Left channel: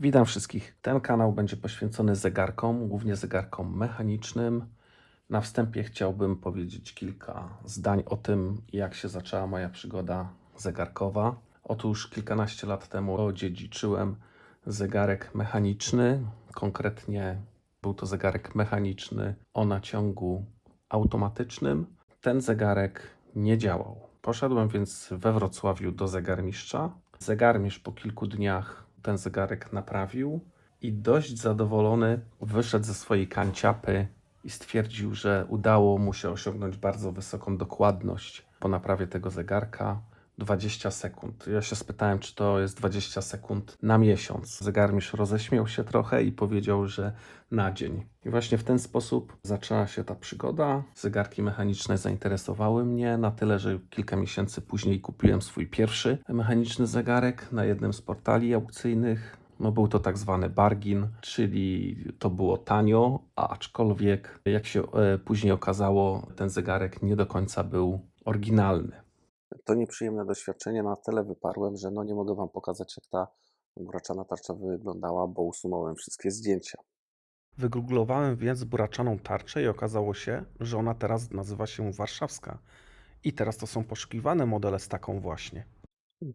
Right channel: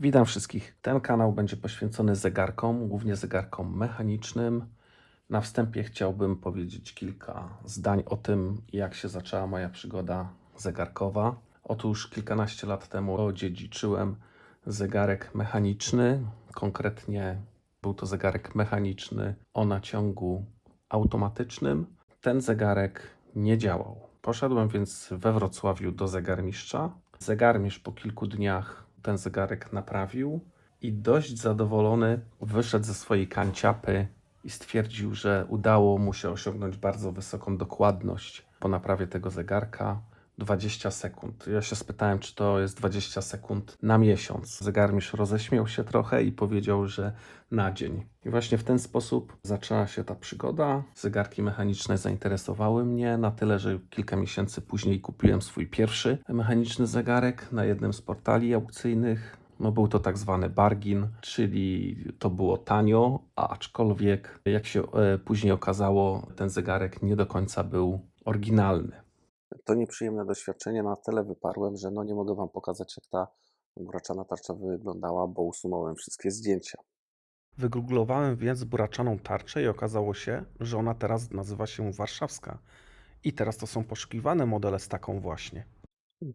Witam wszystkich. Ten kanał będzie poświęcony zegarkom, głównie zegarkom mechanicznym. Na wstępie chciałbym powiedzieć kilka zdań o tym, jak się zaczęła moja przygoda zegarkowa. Otóż kilkanaście lat temu odziedziczyłem zegarek mechaniczny. Konkretnie był to zegarek mechaniczny o naciągu automatycznym. Ten zegarek nie działał. Poszedłem więc we Wrocławiu do zegarmistrza. Zegarmistrz po kilku dniach ten zegarek naprawił i dość zadowolony wyszedł ze swojej kanciapy i stwierdził, że udało mu się osiągnąć bardzo wysoką dokładność po naprawie tego zegarka. 20 sekund. Ja się spytałem, czy to jest 20 sekund na miesiąc. Zegarmistrz roześmiał się trochę i powiedział, że na dzień. I właśnie w ten sposób zaczęła się ta przygoda. Zegarki mechaniczne zainteresowały mnie na tyle, że kilka miesięcy później kupiłem swój pierwszy mechaniczny zegarek na jednym z portali aukcyjnych. No, był to tak zwany bargain, czyli to było tanio, aczkolwiek jak się później okazało, ten zegarek nie do końca był oryginalny. To nieprzyjemne doświadczenie na tyle wyparłem, że nie mogę Wam pokazać, jak ta buraczana tarcza wyglądała, bo usunąłem wszystkie zdjęcia. Wygooglowałem więc buraczaną tarczę i okazało się, że ona teraz nazywa się warszawska. I teraz to są poszukiwane modele z taką właśnie.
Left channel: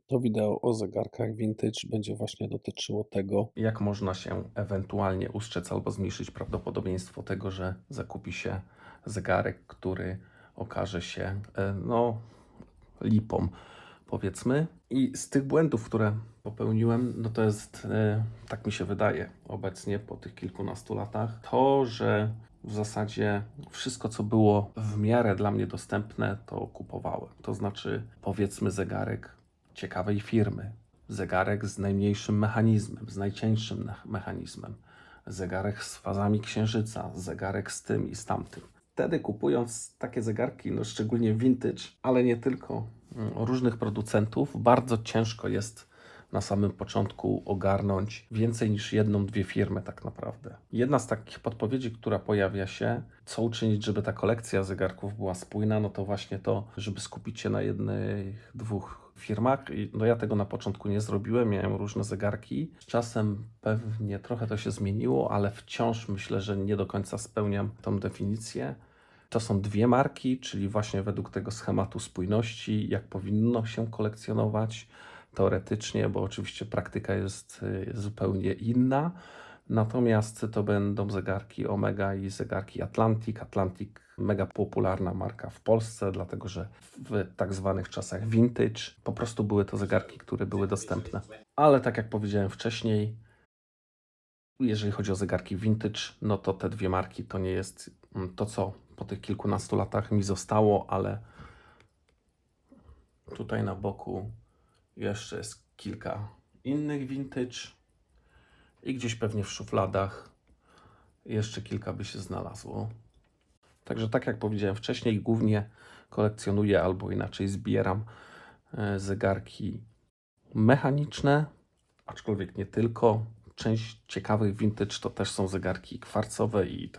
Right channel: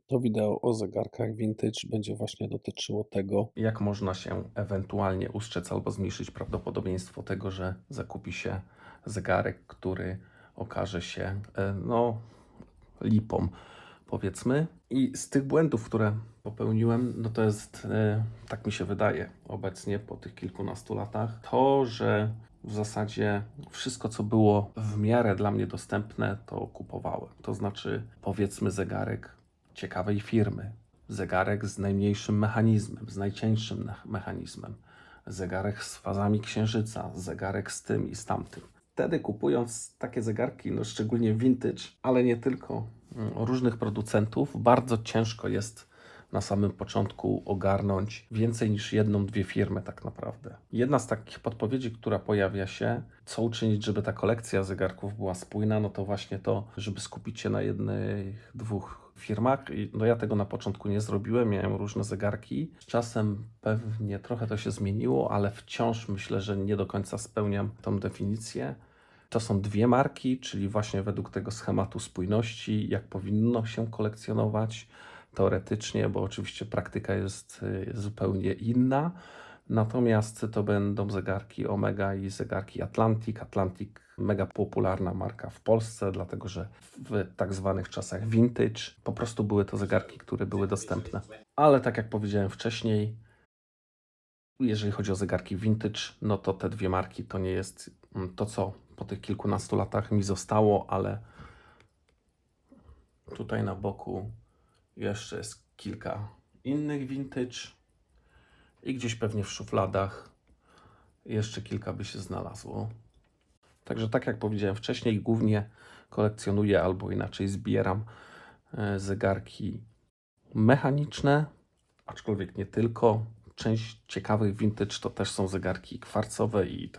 To wideo o zegarkach vintage będzie właśnie dotyczyło tego, jak można się ewentualnie ustrzec albo zmniejszyć prawdopodobieństwo tego, że zakupi się zegarek, który okaże się lipą, powiedzmy. I z tych błędów, które popełniłem, to jest, tak mi się wydaje obecnie po tych kilkunastu latach, to, że w zasadzie wszystko, co było w miarę dla mnie dostępne, to kupowałem. To znaczy, powiedzmy, zegarek ciekawej firmy, zegarek z najmniejszym mechanizmem, z najcieńszym mechanizmem, zegarek z fazami księżyca, zegarek z tym i z tamtym. Wtedy kupując takie zegarki, szczególnie vintage, ale nie tylko, różnych producentów, bardzo ciężko jest na samym początku ogarnąć więcej niż jedną, dwie firmy tak naprawdę. Jedna z takich podpowiedzi, która pojawia się, co uczynić, żeby ta kolekcja zegarków była spójna, to właśnie to, żeby skupić się na jednych, dwóch firmach. I ja tego na początku nie zrobiłem, miałem różne zegarki. Z czasem pewnie trochę to się zmieniło, ale wciąż myślę, że nie do końca spełniam tą definicję. To są dwie marki, czyli właśnie według tego schematu spójności, jak powinno się kolekcjonować teoretycznie, bo oczywiście praktyka jest zupełnie inna. Natomiast to będą zegarki Omega i zegarki Atlantic. Atlantic mega popularna marka w Polsce, dlatego że w tak zwanych czasach vintage po prostu były to zegarki, które były dostępne. Ale tak jak powiedziałem wcześniej, jeżeli chodzi o zegarki vintage, to te dwie marki to nie jest to, co po tych kilkunastu latach mi zostało, ale tutaj na boku jeszcze jest kilka innych vintage i gdzieś pewnie w szufladach jeszcze kilka by się znalazło. Także tak jak powiedziałem wcześniej, głównie kolekcjonuję albo inaczej zbieram zegarki mechaniczne, aczkolwiek nie tylko. Część ciekawych vintage to też są zegarki kwarcowe i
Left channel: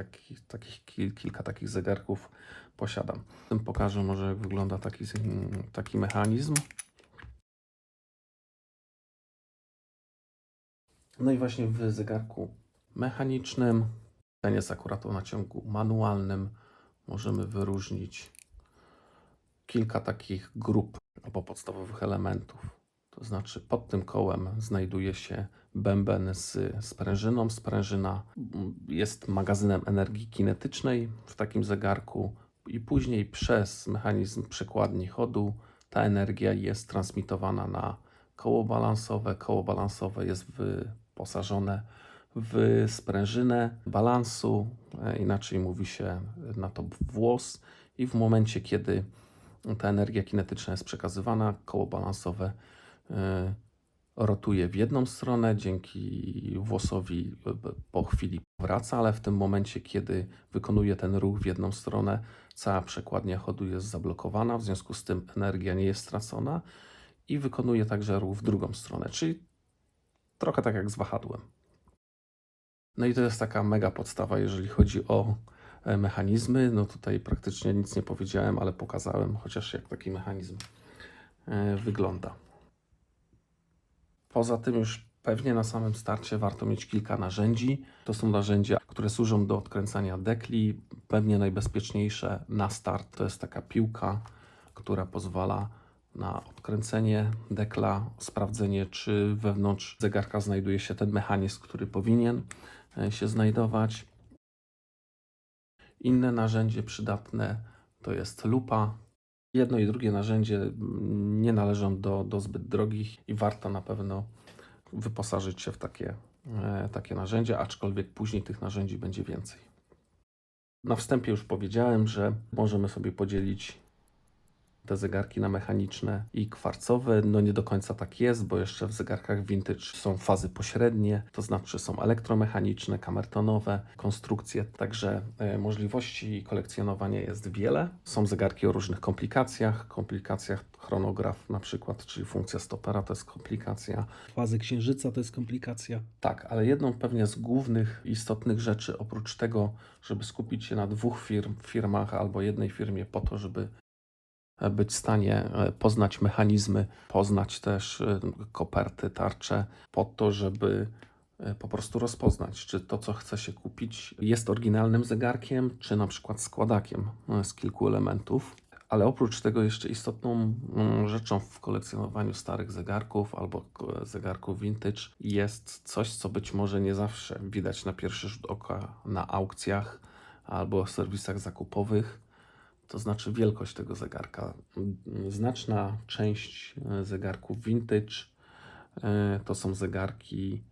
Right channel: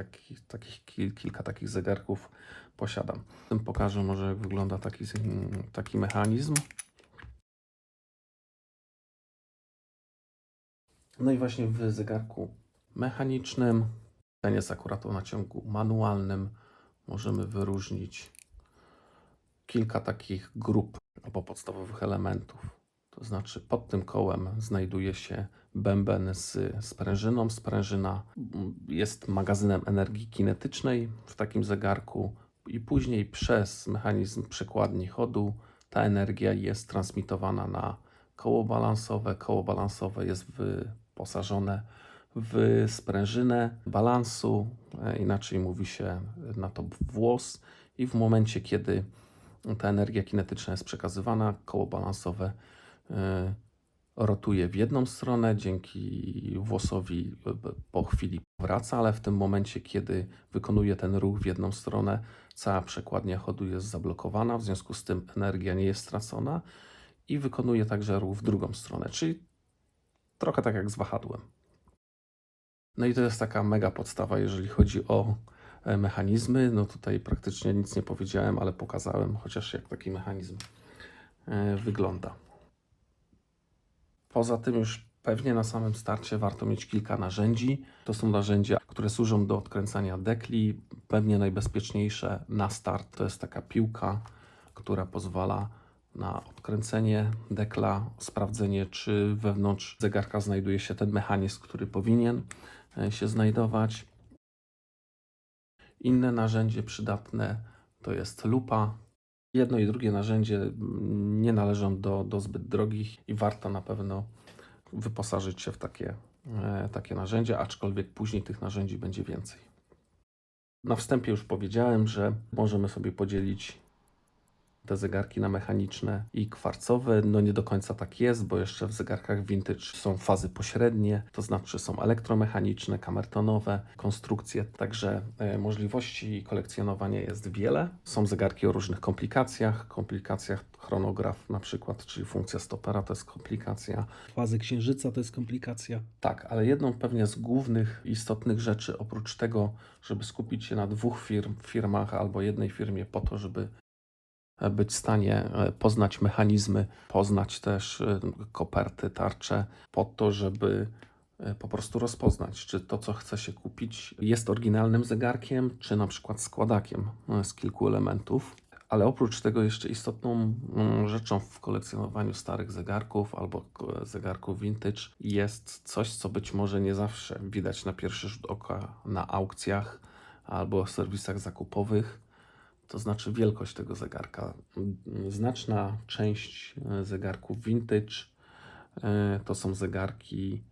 kilka takich zegarków posiadam. Pokażę może, jak wygląda taki mechanizm. No i właśnie w zegarku mechanicznym, ten jest akurat o naciągu manualnym, możemy wyróżnić kilka takich grup albo podstawowych elementów. To znaczy pod tym kołem znajduje się bęben z sprężyną. Sprężyna jest magazynem energii kinetycznej w takim zegarku i później przez mechanizm przekładni chodu ta energia jest transmitowana na koło balansowe. Koło balansowe jest wyposażone w sprężynę balansu, inaczej mówi się na to włos, i w momencie, kiedy ta energia kinetyczna jest przekazywana, koło balansowe rotuje w jedną stronę, dzięki włosowi po chwili wraca, ale w tym momencie, kiedy wykonuje ten ruch w jedną stronę, cała przekładnia chodu jest zablokowana, w związku z tym energia nie jest stracona i wykonuje także ruch w drugą stronę, czyli trochę tak jak z wahadłem. No i to jest taka mega podstawa, jeżeli chodzi o mechanizmy. Tutaj praktycznie nic nie powiedziałem, ale pokazałem chociaż, jak taki mechanizm wygląda. Poza tym już Pewnie na samym starcie warto mieć kilka narzędzi. To są narzędzia, które służą do odkręcania dekli. Pewnie najbezpieczniejsze na start to jest taka piłka, która pozwala na odkręcenie dekla, sprawdzenie, czy wewnątrz zegarka znajduje się ten mechanizm, który powinien się znajdować. Inne narzędzie przydatne to jest lupa. Jedno i drugie narzędzie nie należą do zbyt drogich i warto na pewno wyposażyć się w takie narzędzia, aczkolwiek później tych narzędzi będzie więcej. Na wstępie już powiedziałem, że możemy sobie podzielić te zegarki na mechaniczne i kwarcowe. No nie do końca tak jest, bo jeszcze w zegarkach vintage są fazy pośrednie, to znaczy są elektromechaniczne, kamertonowe, konstrukcje, także możliwości kolekcjonowania jest wiele. Są zegarki o różnych komplikacjach chronograf na przykład, czyli funkcja stopera to jest komplikacja. Fazy księżyca to jest komplikacja. Tak, ale jedną pewnie z głównych istotnych rzeczy, oprócz tego, żeby skupić się na dwóch firmach albo jednej firmie po to, żeby być w stanie poznać mechanizmy, poznać też koperty, tarcze, po to, żeby po prostu rozpoznać, czy to, co chce się kupić, jest oryginalnym zegarkiem, czy na przykład składakiem z kilku elementów. Ale oprócz tego jeszcze istotną rzeczą w kolekcjonowaniu starych zegarków albo zegarków vintage jest coś, co być może nie zawsze widać na pierwszy rzut oka na aukcjach albo serwisach zakupowych. To znaczy wielkość tego zegarka. Znaczna część zegarków vintage to są zegarki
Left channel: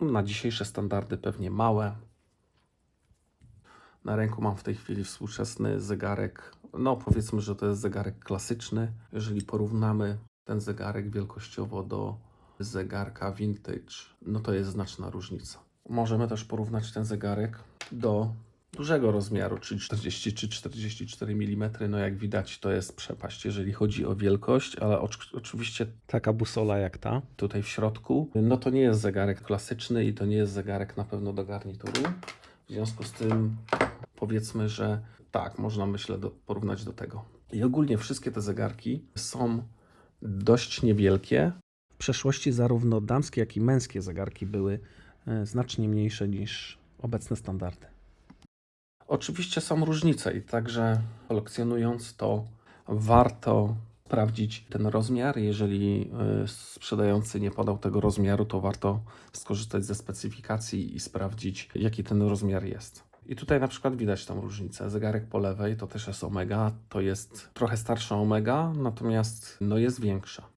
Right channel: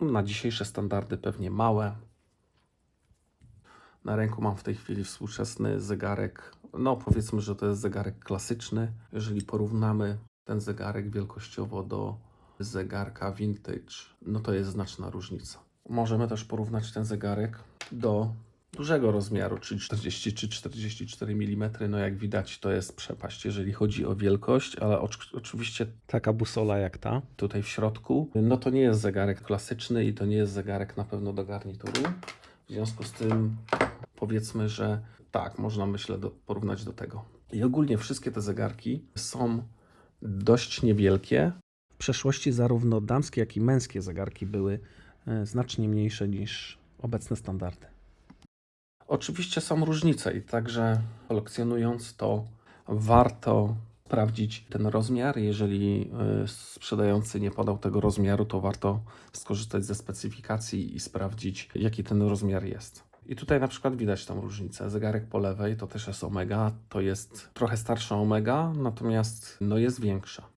na dzisiejsze standardy pewnie małe. Na ręku mam w tej chwili współczesny zegarek, no powiedzmy, że to jest zegarek klasyczny. Jeżeli porównamy ten zegarek wielkościowo do zegarka vintage, no to jest znaczna różnica. Możemy też porównać ten zegarek do dużego rozmiaru, czyli 40 czy 44 mm. No jak widać, to jest przepaść, jeżeli chodzi o wielkość, ale oczywiście Taka busola jak ta. tutaj w środku, no to nie jest zegarek klasyczny i to nie jest zegarek na pewno do garnituru. W związku z tym powiedzmy, że tak, można myślę porównać do tego. I ogólnie wszystkie te zegarki są dość niewielkie. W przeszłości zarówno damskie, jak i męskie zegarki były znacznie mniejsze niż obecne standardy. Oczywiście są różnice i także kolekcjonując to warto sprawdzić ten rozmiar. Jeżeli sprzedający nie podał tego rozmiaru, to warto skorzystać ze specyfikacji i sprawdzić, jaki ten rozmiar jest. I tutaj na przykład widać tą różnicę. Zegarek po lewej to też jest Omega, to jest trochę starsza Omega, natomiast no jest większa.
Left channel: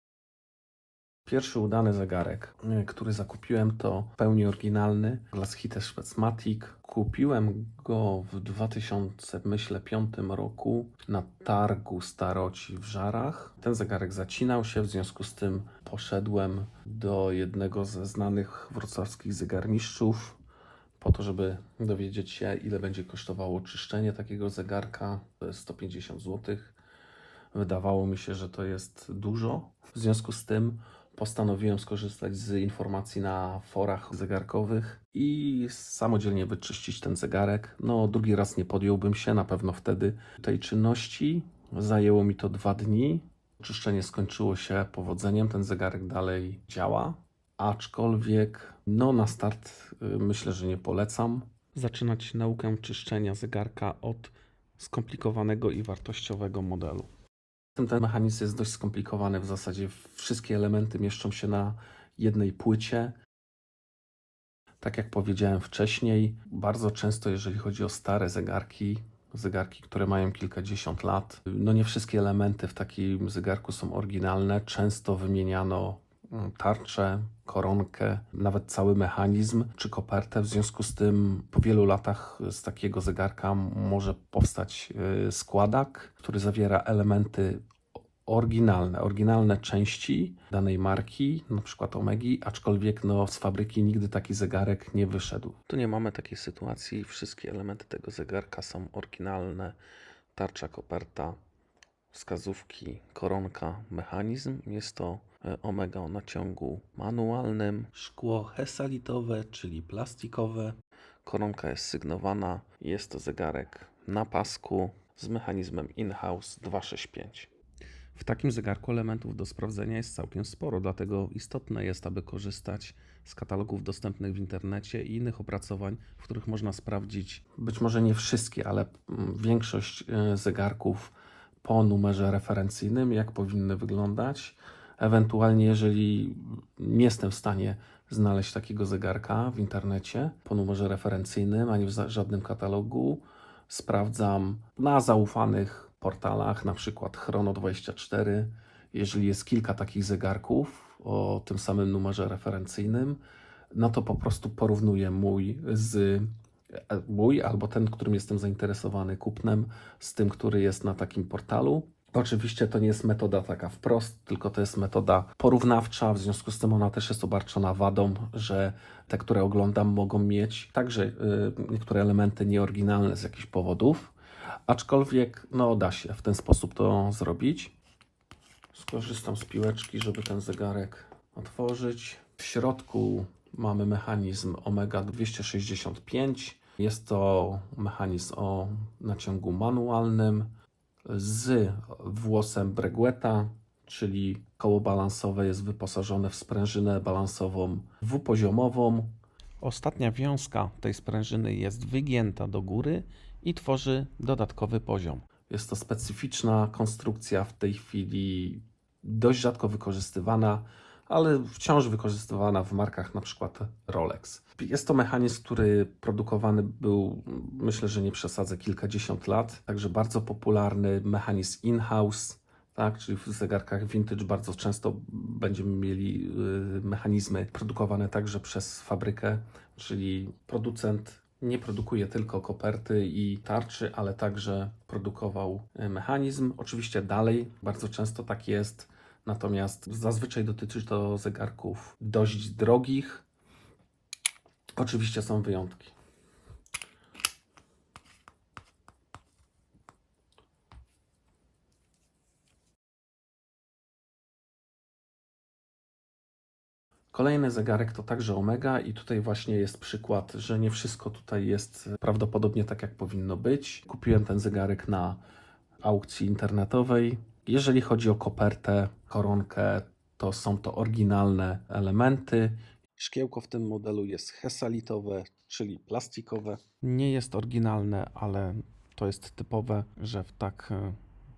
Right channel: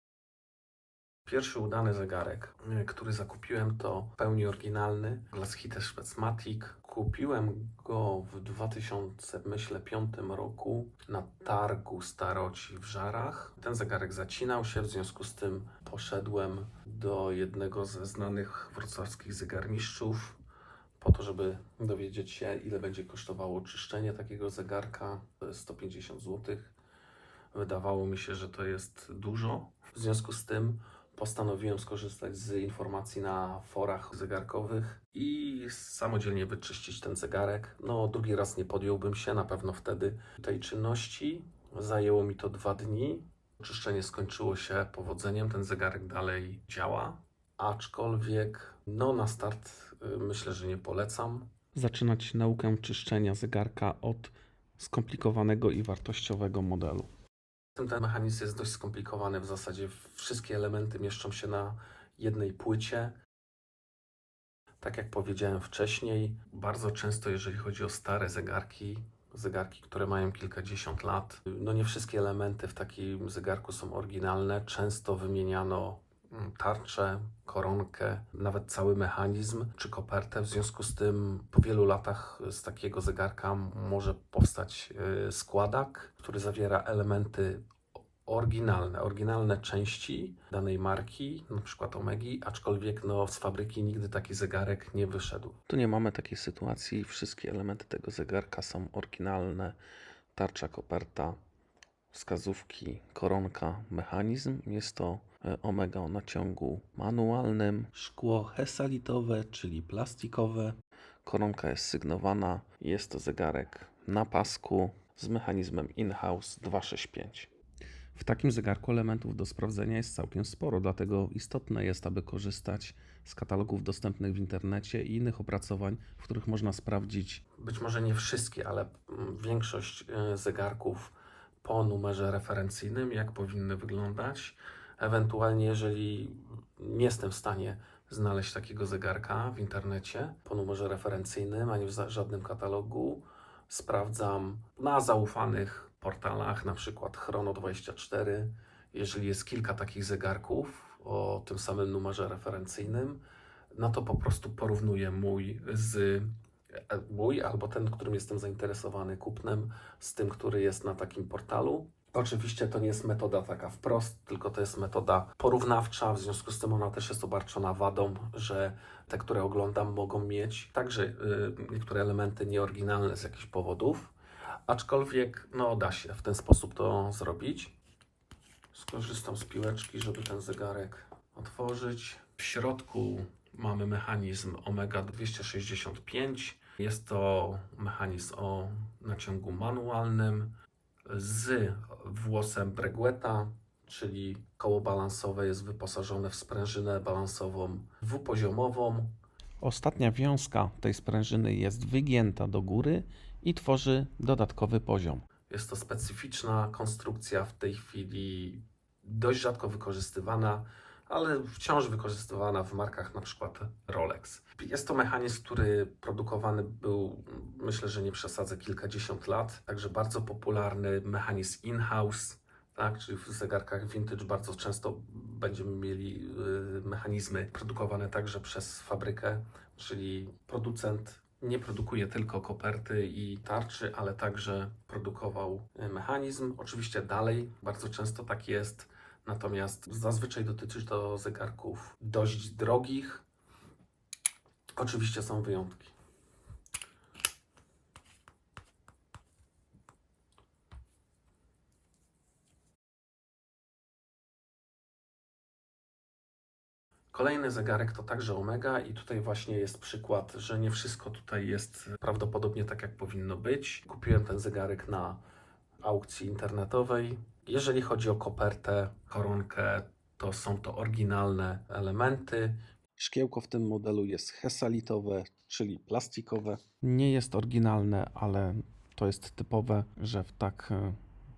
Pierwszy udany zegarek, który zakupiłem, to w pełni oryginalny Glashütte Specmatic. Kupiłem go w 2005 roku na targu Staroci w Żarach. Ten zegarek zacinał się, w związku z tym poszedłem do jednego ze znanych wrocławskich zegarmistrzów po to, żeby dowiedzieć się, ile będzie kosztowało czyszczenie takiego zegarka. To jest 150 zł. Wydawało mi się, że to jest dużo. W związku z tym postanowiłem skorzystać z informacji na forach zegarkowych i samodzielnie wyczyścić ten zegarek. No, drugi raz nie podjąłbym się, na pewno wtedy tej czynności. Zajęło mi to 2 dni. Czyszczenie skończyło się powodzeniem, ten zegarek dalej działa, aczkolwiek no, na start myślę, że nie polecam. Zaczynać naukę czyszczenia zegarka od skomplikowanego i wartościowego modelu. Ten mechanizm jest dość skomplikowany, w zasadzie wszystkie elementy mieszczą się na jednej płycie. Tak jak powiedziałem wcześniej, bardzo często jeżeli chodzi o stare zegarki, które mają kilkadziesiąt lat, no nie wszystkie elementy w takim zegarku są oryginalne. Często wymieniano tarczę, koronkę, nawet cały mechanizm czy kopertę. W związku z tym po wielu latach z takiego zegarka może powstać składak, który zawiera elementy oryginalne części danej marki, na przykład Omegi, aczkolwiek no, z fabryki nigdy taki zegarek nie wyszedł. Tu nie mamy takiej sytuacji. Wszystkie elementy tego zegarka są oryginalne. Tarcza, koperta, wskazówki, koronka, mechanizm. Jest to Omega o naciągu manualnym. Szkło hesalitowe, czyli plastikowe. Koronka jest sygnowana. Jest to zegarek na pasku z mechanizmem in-house 265. W takim zegarku elementów do sprawdzenia jest całkiem sporo, dlatego istotne jest, aby korzystać z katalogów dostępnych w internecie i innych opracowań, w których można sprawdzić być może nie wszystkie, ale większość zegarków po numerze referencyjnym, jak powinny wyglądać. Ewentualnie, jeżeli nie jestem w stanie znaleźć takiego zegarka w internecie po numerze referencyjnym, ani w żadnym katalogu, sprawdzam na zaufanych portalach, na przykład Chrono24. Jeżeli jest kilka takich zegarków o tym samym numerze referencyjnym, no to po prostu porównuję mój albo ten, którym jestem zainteresowany kupnem, z tym, który jest na takim portalu. Oczywiście to nie jest metoda taka wprost, tylko to jest metoda porównawcza, w związku z tym ona też jest obarczona wadą, że te, które oglądam, mogą mieć także niektóre elementy nieoryginalne z jakichś powodów, aczkolwiek no, da się w ten sposób to zrobić. Skorzystam z piłeczki, żeby ten zegarek otworzyć. W środku mamy mechanizm Omega 265. Jest to mechanizm o naciągu manualnym z włosem Bregueta, czyli koło balansowe jest wyposażone w sprężynę balansową dwupoziomową. Ostatnia wiązka tej sprężyny jest wygięta do góry i tworzy dodatkowy poziom. Jest to specyficzna konstrukcja, w tej chwili dość rzadko wykorzystywana, ale wciąż wykorzystywana w markach na przykład Rolex. Jest to mechanizm, który produkowany był, myślę, że nie przesadzę, kilkadziesiąt lat, także bardzo popularny mechanizm in-house, tak, czyli w zegarkach vintage bardzo często będziemy mieli mechanizmy produkowane także przez fabrykę, czyli producent nie produkuje tylko koperty i tarczy, ale także produkował mechanizm. Oczywiście dalej bardzo często tak jest, natomiast zazwyczaj dotyczy to zegarków dość drogich. Oczywiście są wyjątki. Kolejny zegarek to także Omega i tutaj właśnie jest przykład, że nie wszystko tutaj jest prawdopodobnie tak, jak powinno być. Kupiłem ten zegarek na aukcji internetowej. Jeżeli chodzi o kopertę, koronkę, to są to oryginalne elementy. Szkiełko w tym modelu jest hesalitowe, czyli plastikowe. Nie jest oryginalne, ale to jest typowe, że w tak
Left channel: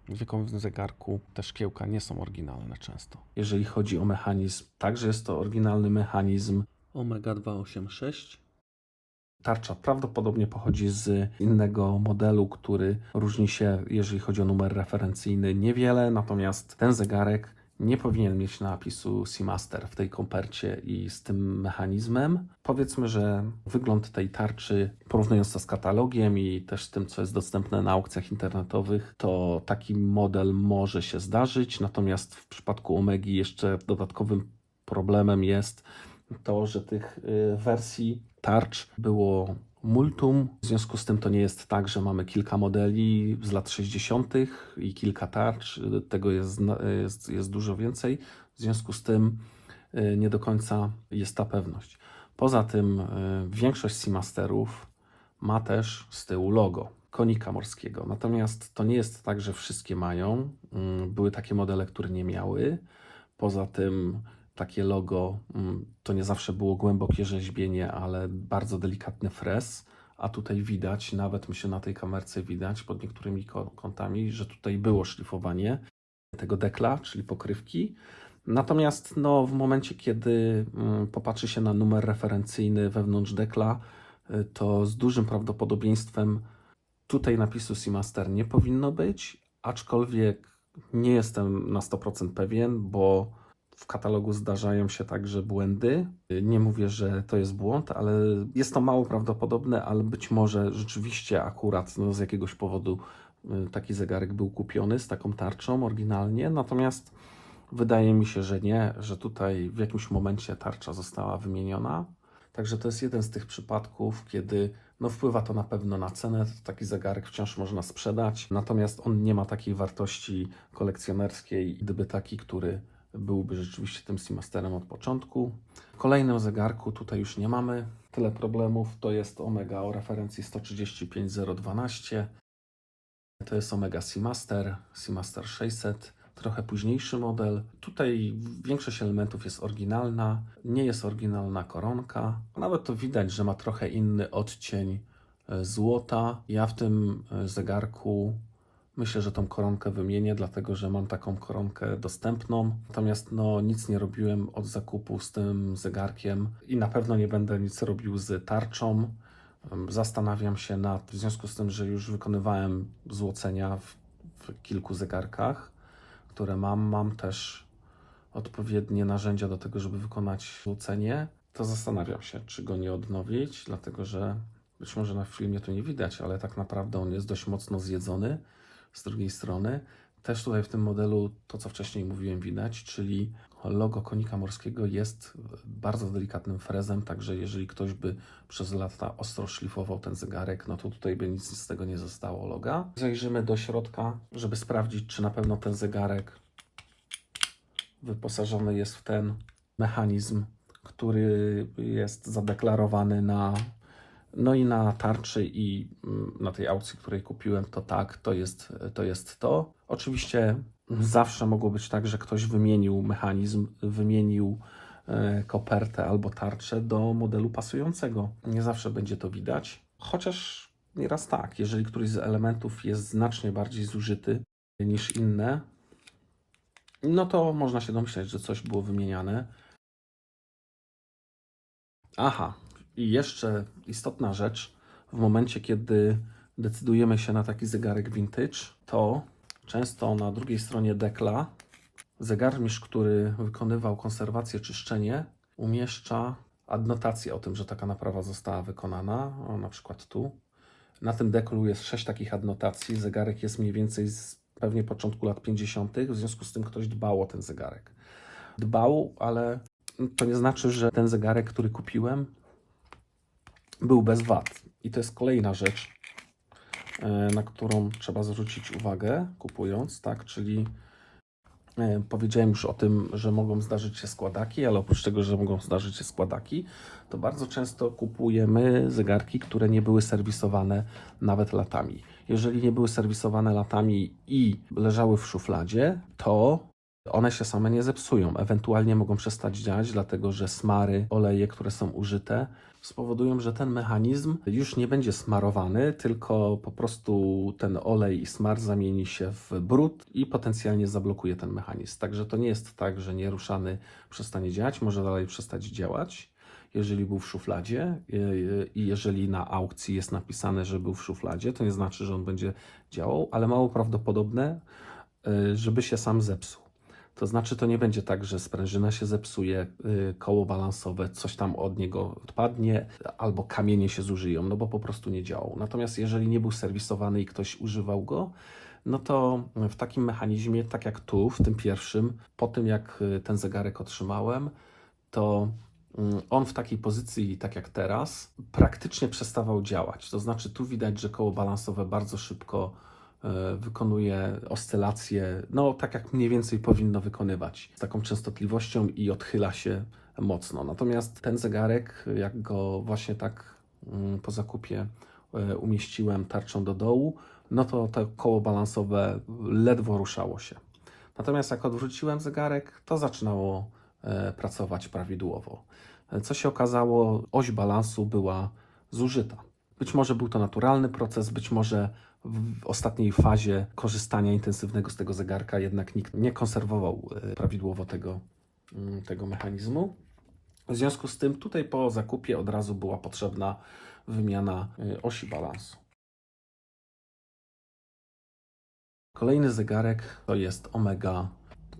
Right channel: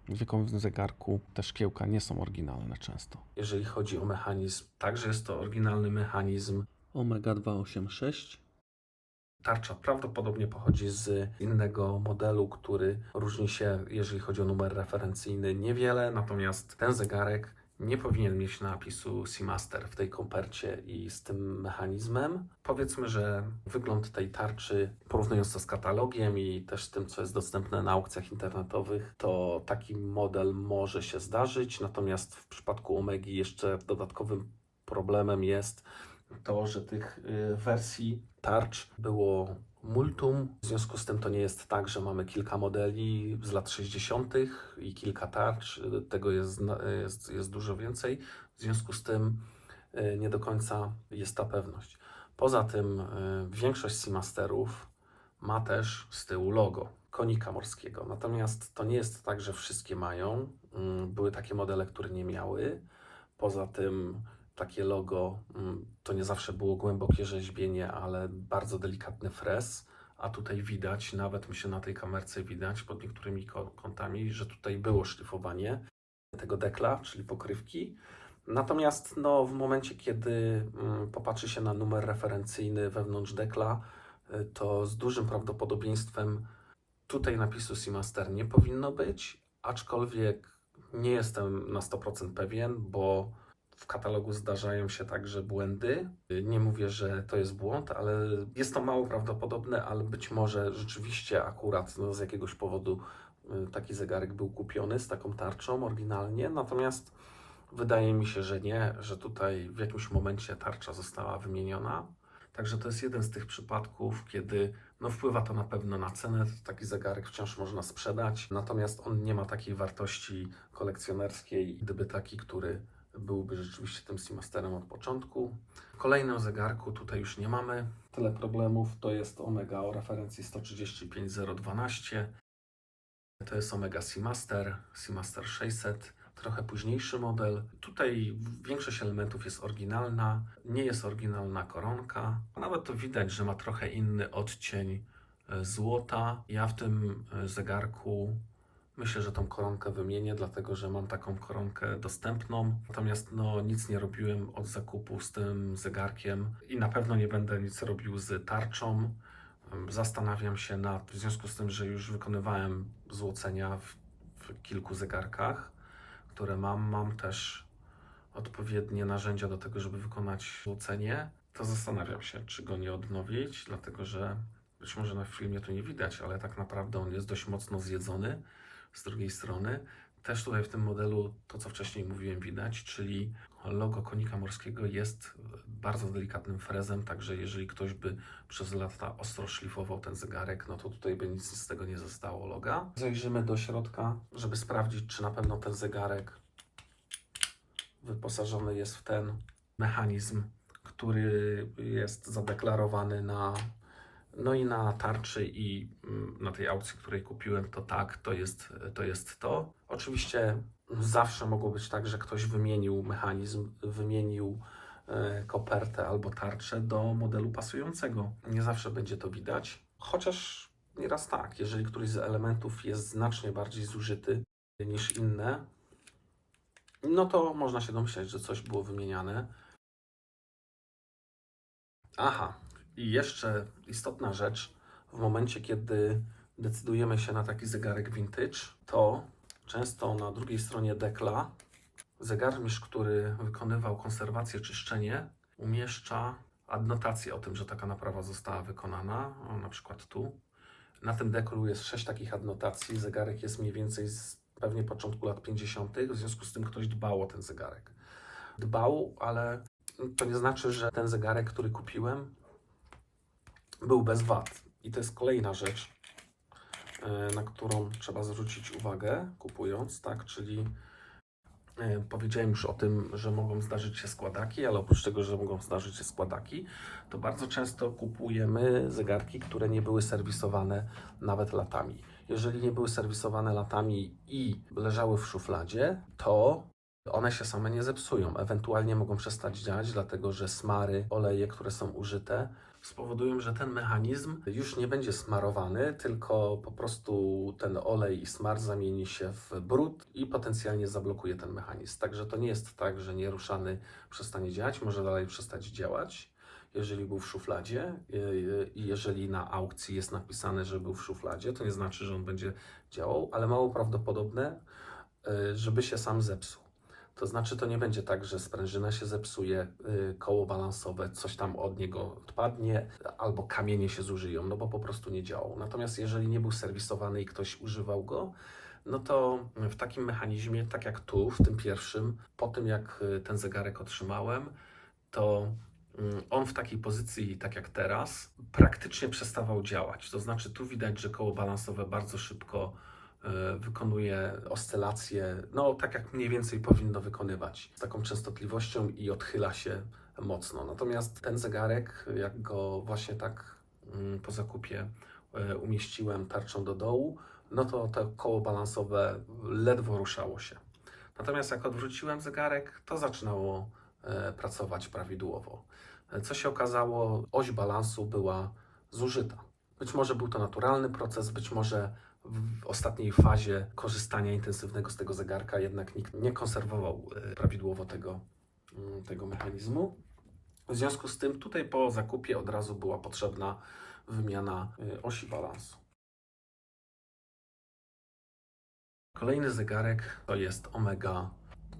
wiekowym zegarku te szkiełka nie są oryginalne często. Jeżeli chodzi o mechanizm, także jest to oryginalny mechanizm. Omega 286. Tarcza prawdopodobnie pochodzi z innego modelu, który różni się, jeżeli chodzi o numer referencyjny, niewiele, natomiast ten zegarek nie powinien mieć napisu Seamaster w tej kopercie i z tym mechanizmem. Powiedzmy, że wygląd tej tarczy, porównując to z katalogiem i też z tym, co jest dostępne na aukcjach internetowych, to taki model może się zdarzyć, natomiast w przypadku Omegi jeszcze dodatkowym problemem jest to, że tych wersji tarcz było multum. W związku z tym to nie jest tak, że mamy kilka modeli z lat 60. i kilka tarcz. Tego jest dużo więcej. W związku z tym nie do końca jest ta pewność. Poza tym większość Seamasterów ma też z tyłu logo konika morskiego. Natomiast to nie jest tak, że wszystkie mają. Były takie modele, które nie miały. Poza tym takie logo to nie zawsze było głębokie rzeźbienie, ale bardzo delikatny frez, a tutaj widać, nawet myślę na tej kamerce widać pod niektórymi kątami, że tutaj było szlifowanie tego dekla, czyli pokrywki. Natomiast no, w momencie, kiedy popatrzy się na numer referencyjny wewnątrz dekla, to z dużym prawdopodobieństwem tutaj napisu Seamaster nie powinno być, aczkolwiek nie jestem na 100% pewien, bo w katalogu zdarzają się także błędy. Nie mówię, że to jest błąd, ale jest to mało prawdopodobne, ale być może rzeczywiście akurat no, z jakiegoś powodu taki zegarek był kupiony z taką tarczą oryginalnie, natomiast wydaje mi się, że nie, że tutaj w jakimś momencie tarcza została wymieniona. Także to jest jeden z tych przypadków, kiedy no, wpływa to na pewno na cenę. Taki zegarek wciąż można sprzedać, natomiast on nie ma takiej wartości kolekcjonerskiej, gdyby taki, który byłby rzeczywiście tym Seamasterem od początku. Kolejny o zegarku, tutaj już nie mamy tyle problemów. To jest Omega o referencji 135012. To jest Omega Seamaster 600. trochę późniejszy model. Tutaj większość elementów jest oryginalna, nie jest oryginalna koronka. Nawet to widać, że ma trochę inny odcień złota. Ja w tym zegarku myślę, że tą koronkę wymienię, dlatego że mam taką koronkę dostępną. Natomiast no, nic nie robiłem od zakupu z tym zegarkiem i na pewno nie będę nic robił z tarczą. Zastanawiam się w związku z tym, że już wykonywałem złocenia w kilku zegarkach, które mam też odpowiednie narzędzia do tego, żeby wykonać złocenie, to zastanawiam się, czy go nie odnowić, dlatego że być może na filmie to nie widać, ale tak naprawdę on jest dość mocno zjedzony. Z drugiej strony też tutaj w tym modelu to, co wcześniej mówiłem, widać, czyli logo konika morskiego jest bardzo delikatnym frezem, także jeżeli ktoś by przez lata ostro szlifował ten zegarek, no to tutaj by nic z tego nie zostało loga. Zajrzymy do środka, żeby sprawdzić, czy na pewno ten zegarek wyposażony jest w ten mechanizm, który jest zadeklarowany no i na tarczy i na tej aukcji, której kupiłem, to tak, to jest to. Oczywiście zawsze mogło być tak, że ktoś wymienił mechanizm, wymienił kopertę albo tarczę do modelu pasującego. Nie zawsze będzie to widać, chociaż nieraz tak, jeżeli któryś z elementów jest znacznie bardziej zużyty niż inne, no to można się domyśleć, że coś było wymieniane. Aha, i jeszcze istotna rzecz, w momencie kiedy decydujemy się na taki zegarek vintage, to często na drugiej stronie dekla zegarmistrz, który wykonywał konserwację, czyszczenie, umieszcza adnotację o tym, że taka naprawa została wykonana, o, na przykład tu. Na tym deklu jest 6 takich adnotacji, zegarek jest mniej więcej z pewnie początku lat 50., w związku z tym ktoś dbał o ten zegarek. Dbał, ale to nie znaczy, że ten zegarek, który kupiłem, był bez wad. I to jest kolejna rzecz, na którą trzeba zwrócić uwagę kupując, tak, czyli powiedziałem już o tym, że mogą zdarzyć się składaki, ale oprócz tego, że mogą zdarzyć się składaki, to bardzo często kupujemy zegarki, które nie były serwisowane nawet latami. Jeżeli nie były serwisowane latami i leżały w szufladzie, to one się same nie zepsują. Ewentualnie mogą przestać działać, dlatego że smary, oleje, które są użyte, spowodują, że ten mechanizm już nie będzie smarowany, tylko po prostu ten olej i smar zamieni się w brud i potencjalnie zablokuje ten mechanizm. Także to nie jest tak, że nieruszany przestanie działać, może dalej przestać działać, jeżeli był w szufladzie i jeżeli na aukcji jest napisane, że był w szufladzie, to nie znaczy, że on będzie działał, ale mało prawdopodobne, żeby się sam zepsuł. To znaczy, to nie będzie tak, że sprężyna się zepsuje, koło balansowe, coś tam od niego odpadnie, albo kamienie się zużyją, no bo po prostu nie działał. Natomiast jeżeli nie był serwisowany i ktoś używał go, no to w takim mechanizmie, tak jak tu, w tym pierwszym, po tym jak ten zegarek otrzymałem, to on w takiej pozycji, tak jak teraz, praktycznie przestawał działać. To znaczy, tu widać, że koło balansowe bardzo szybko wykonuje oscylacje, no tak jak mniej więcej powinno wykonywać, z taką częstotliwością i odchyla się mocno. Natomiast ten zegarek, jak go właśnie tak po zakupie umieściłem tarczą do dołu, no to koło balansowe ledwo ruszało się. Natomiast jak odwróciłem zegarek, to zaczynało pracować prawidłowo. Co się okazało, oś balansu była zużyta. Być może był to naturalny proces, być może w ostatniej fazie korzystania intensywnego z tego zegarka jednak nikt nie konserwował prawidłowo tego mechanizmu. W związku z tym tutaj po zakupie od razu była potrzebna wymiana osi balansu. Kolejny zegarek to jest Omega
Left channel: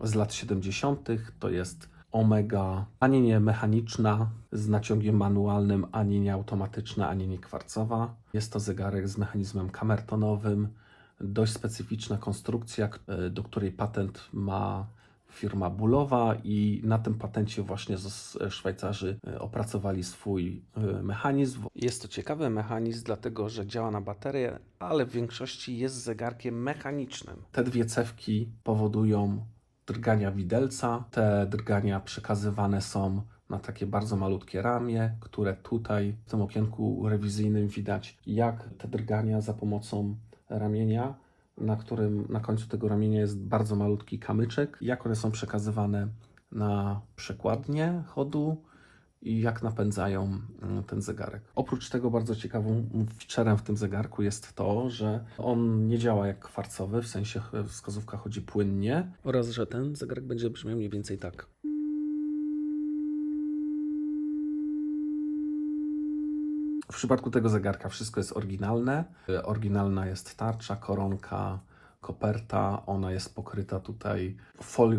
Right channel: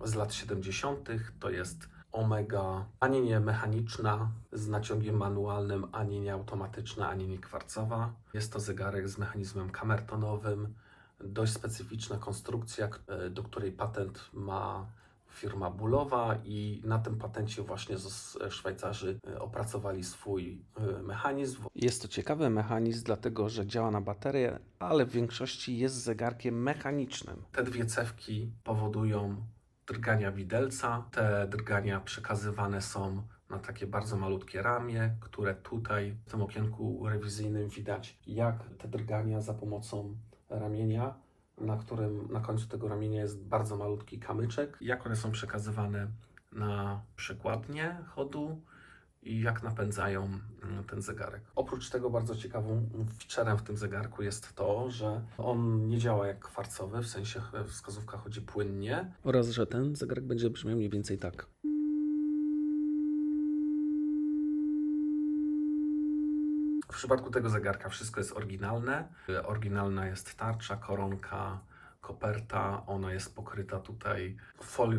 z lat 70. To jest Omega ani nie mechaniczna z naciągiem manualnym, ani nie automatyczna, ani nie kwarcowa. Jest to zegarek z mechanizmem kamertonowym, dość specyficzna konstrukcja, do której patent ma firma Bullowa i na tym patencie właśnie Szwajcarzy opracowali swój mechanizm. Jest to ciekawy mechanizm, dlatego że działa na baterię, ale w większości jest zegarkiem mechanicznym. Te dwie cewki powodują drgania widelca. Te drgania przekazywane są na takie bardzo malutkie ramię, które tutaj w tym okienku rewizyjnym widać, jak te drgania za pomocą ramienia na którym na końcu tego ramienia jest bardzo malutki kamyczek. Jak one są przekazywane na przekładnię chodu i jak napędzają ten zegarek. Oprócz tego bardzo ciekawą featurem w tym zegarku jest to, że on nie działa jak kwarcowy, w sensie wskazówka chodzi płynnie. Oraz, że ten zegarek będzie brzmiał mniej więcej tak. W przypadku tego zegarka wszystko jest oryginalne. Oryginalna jest tarcza, koronka, koperta. Ona jest pokryta tutaj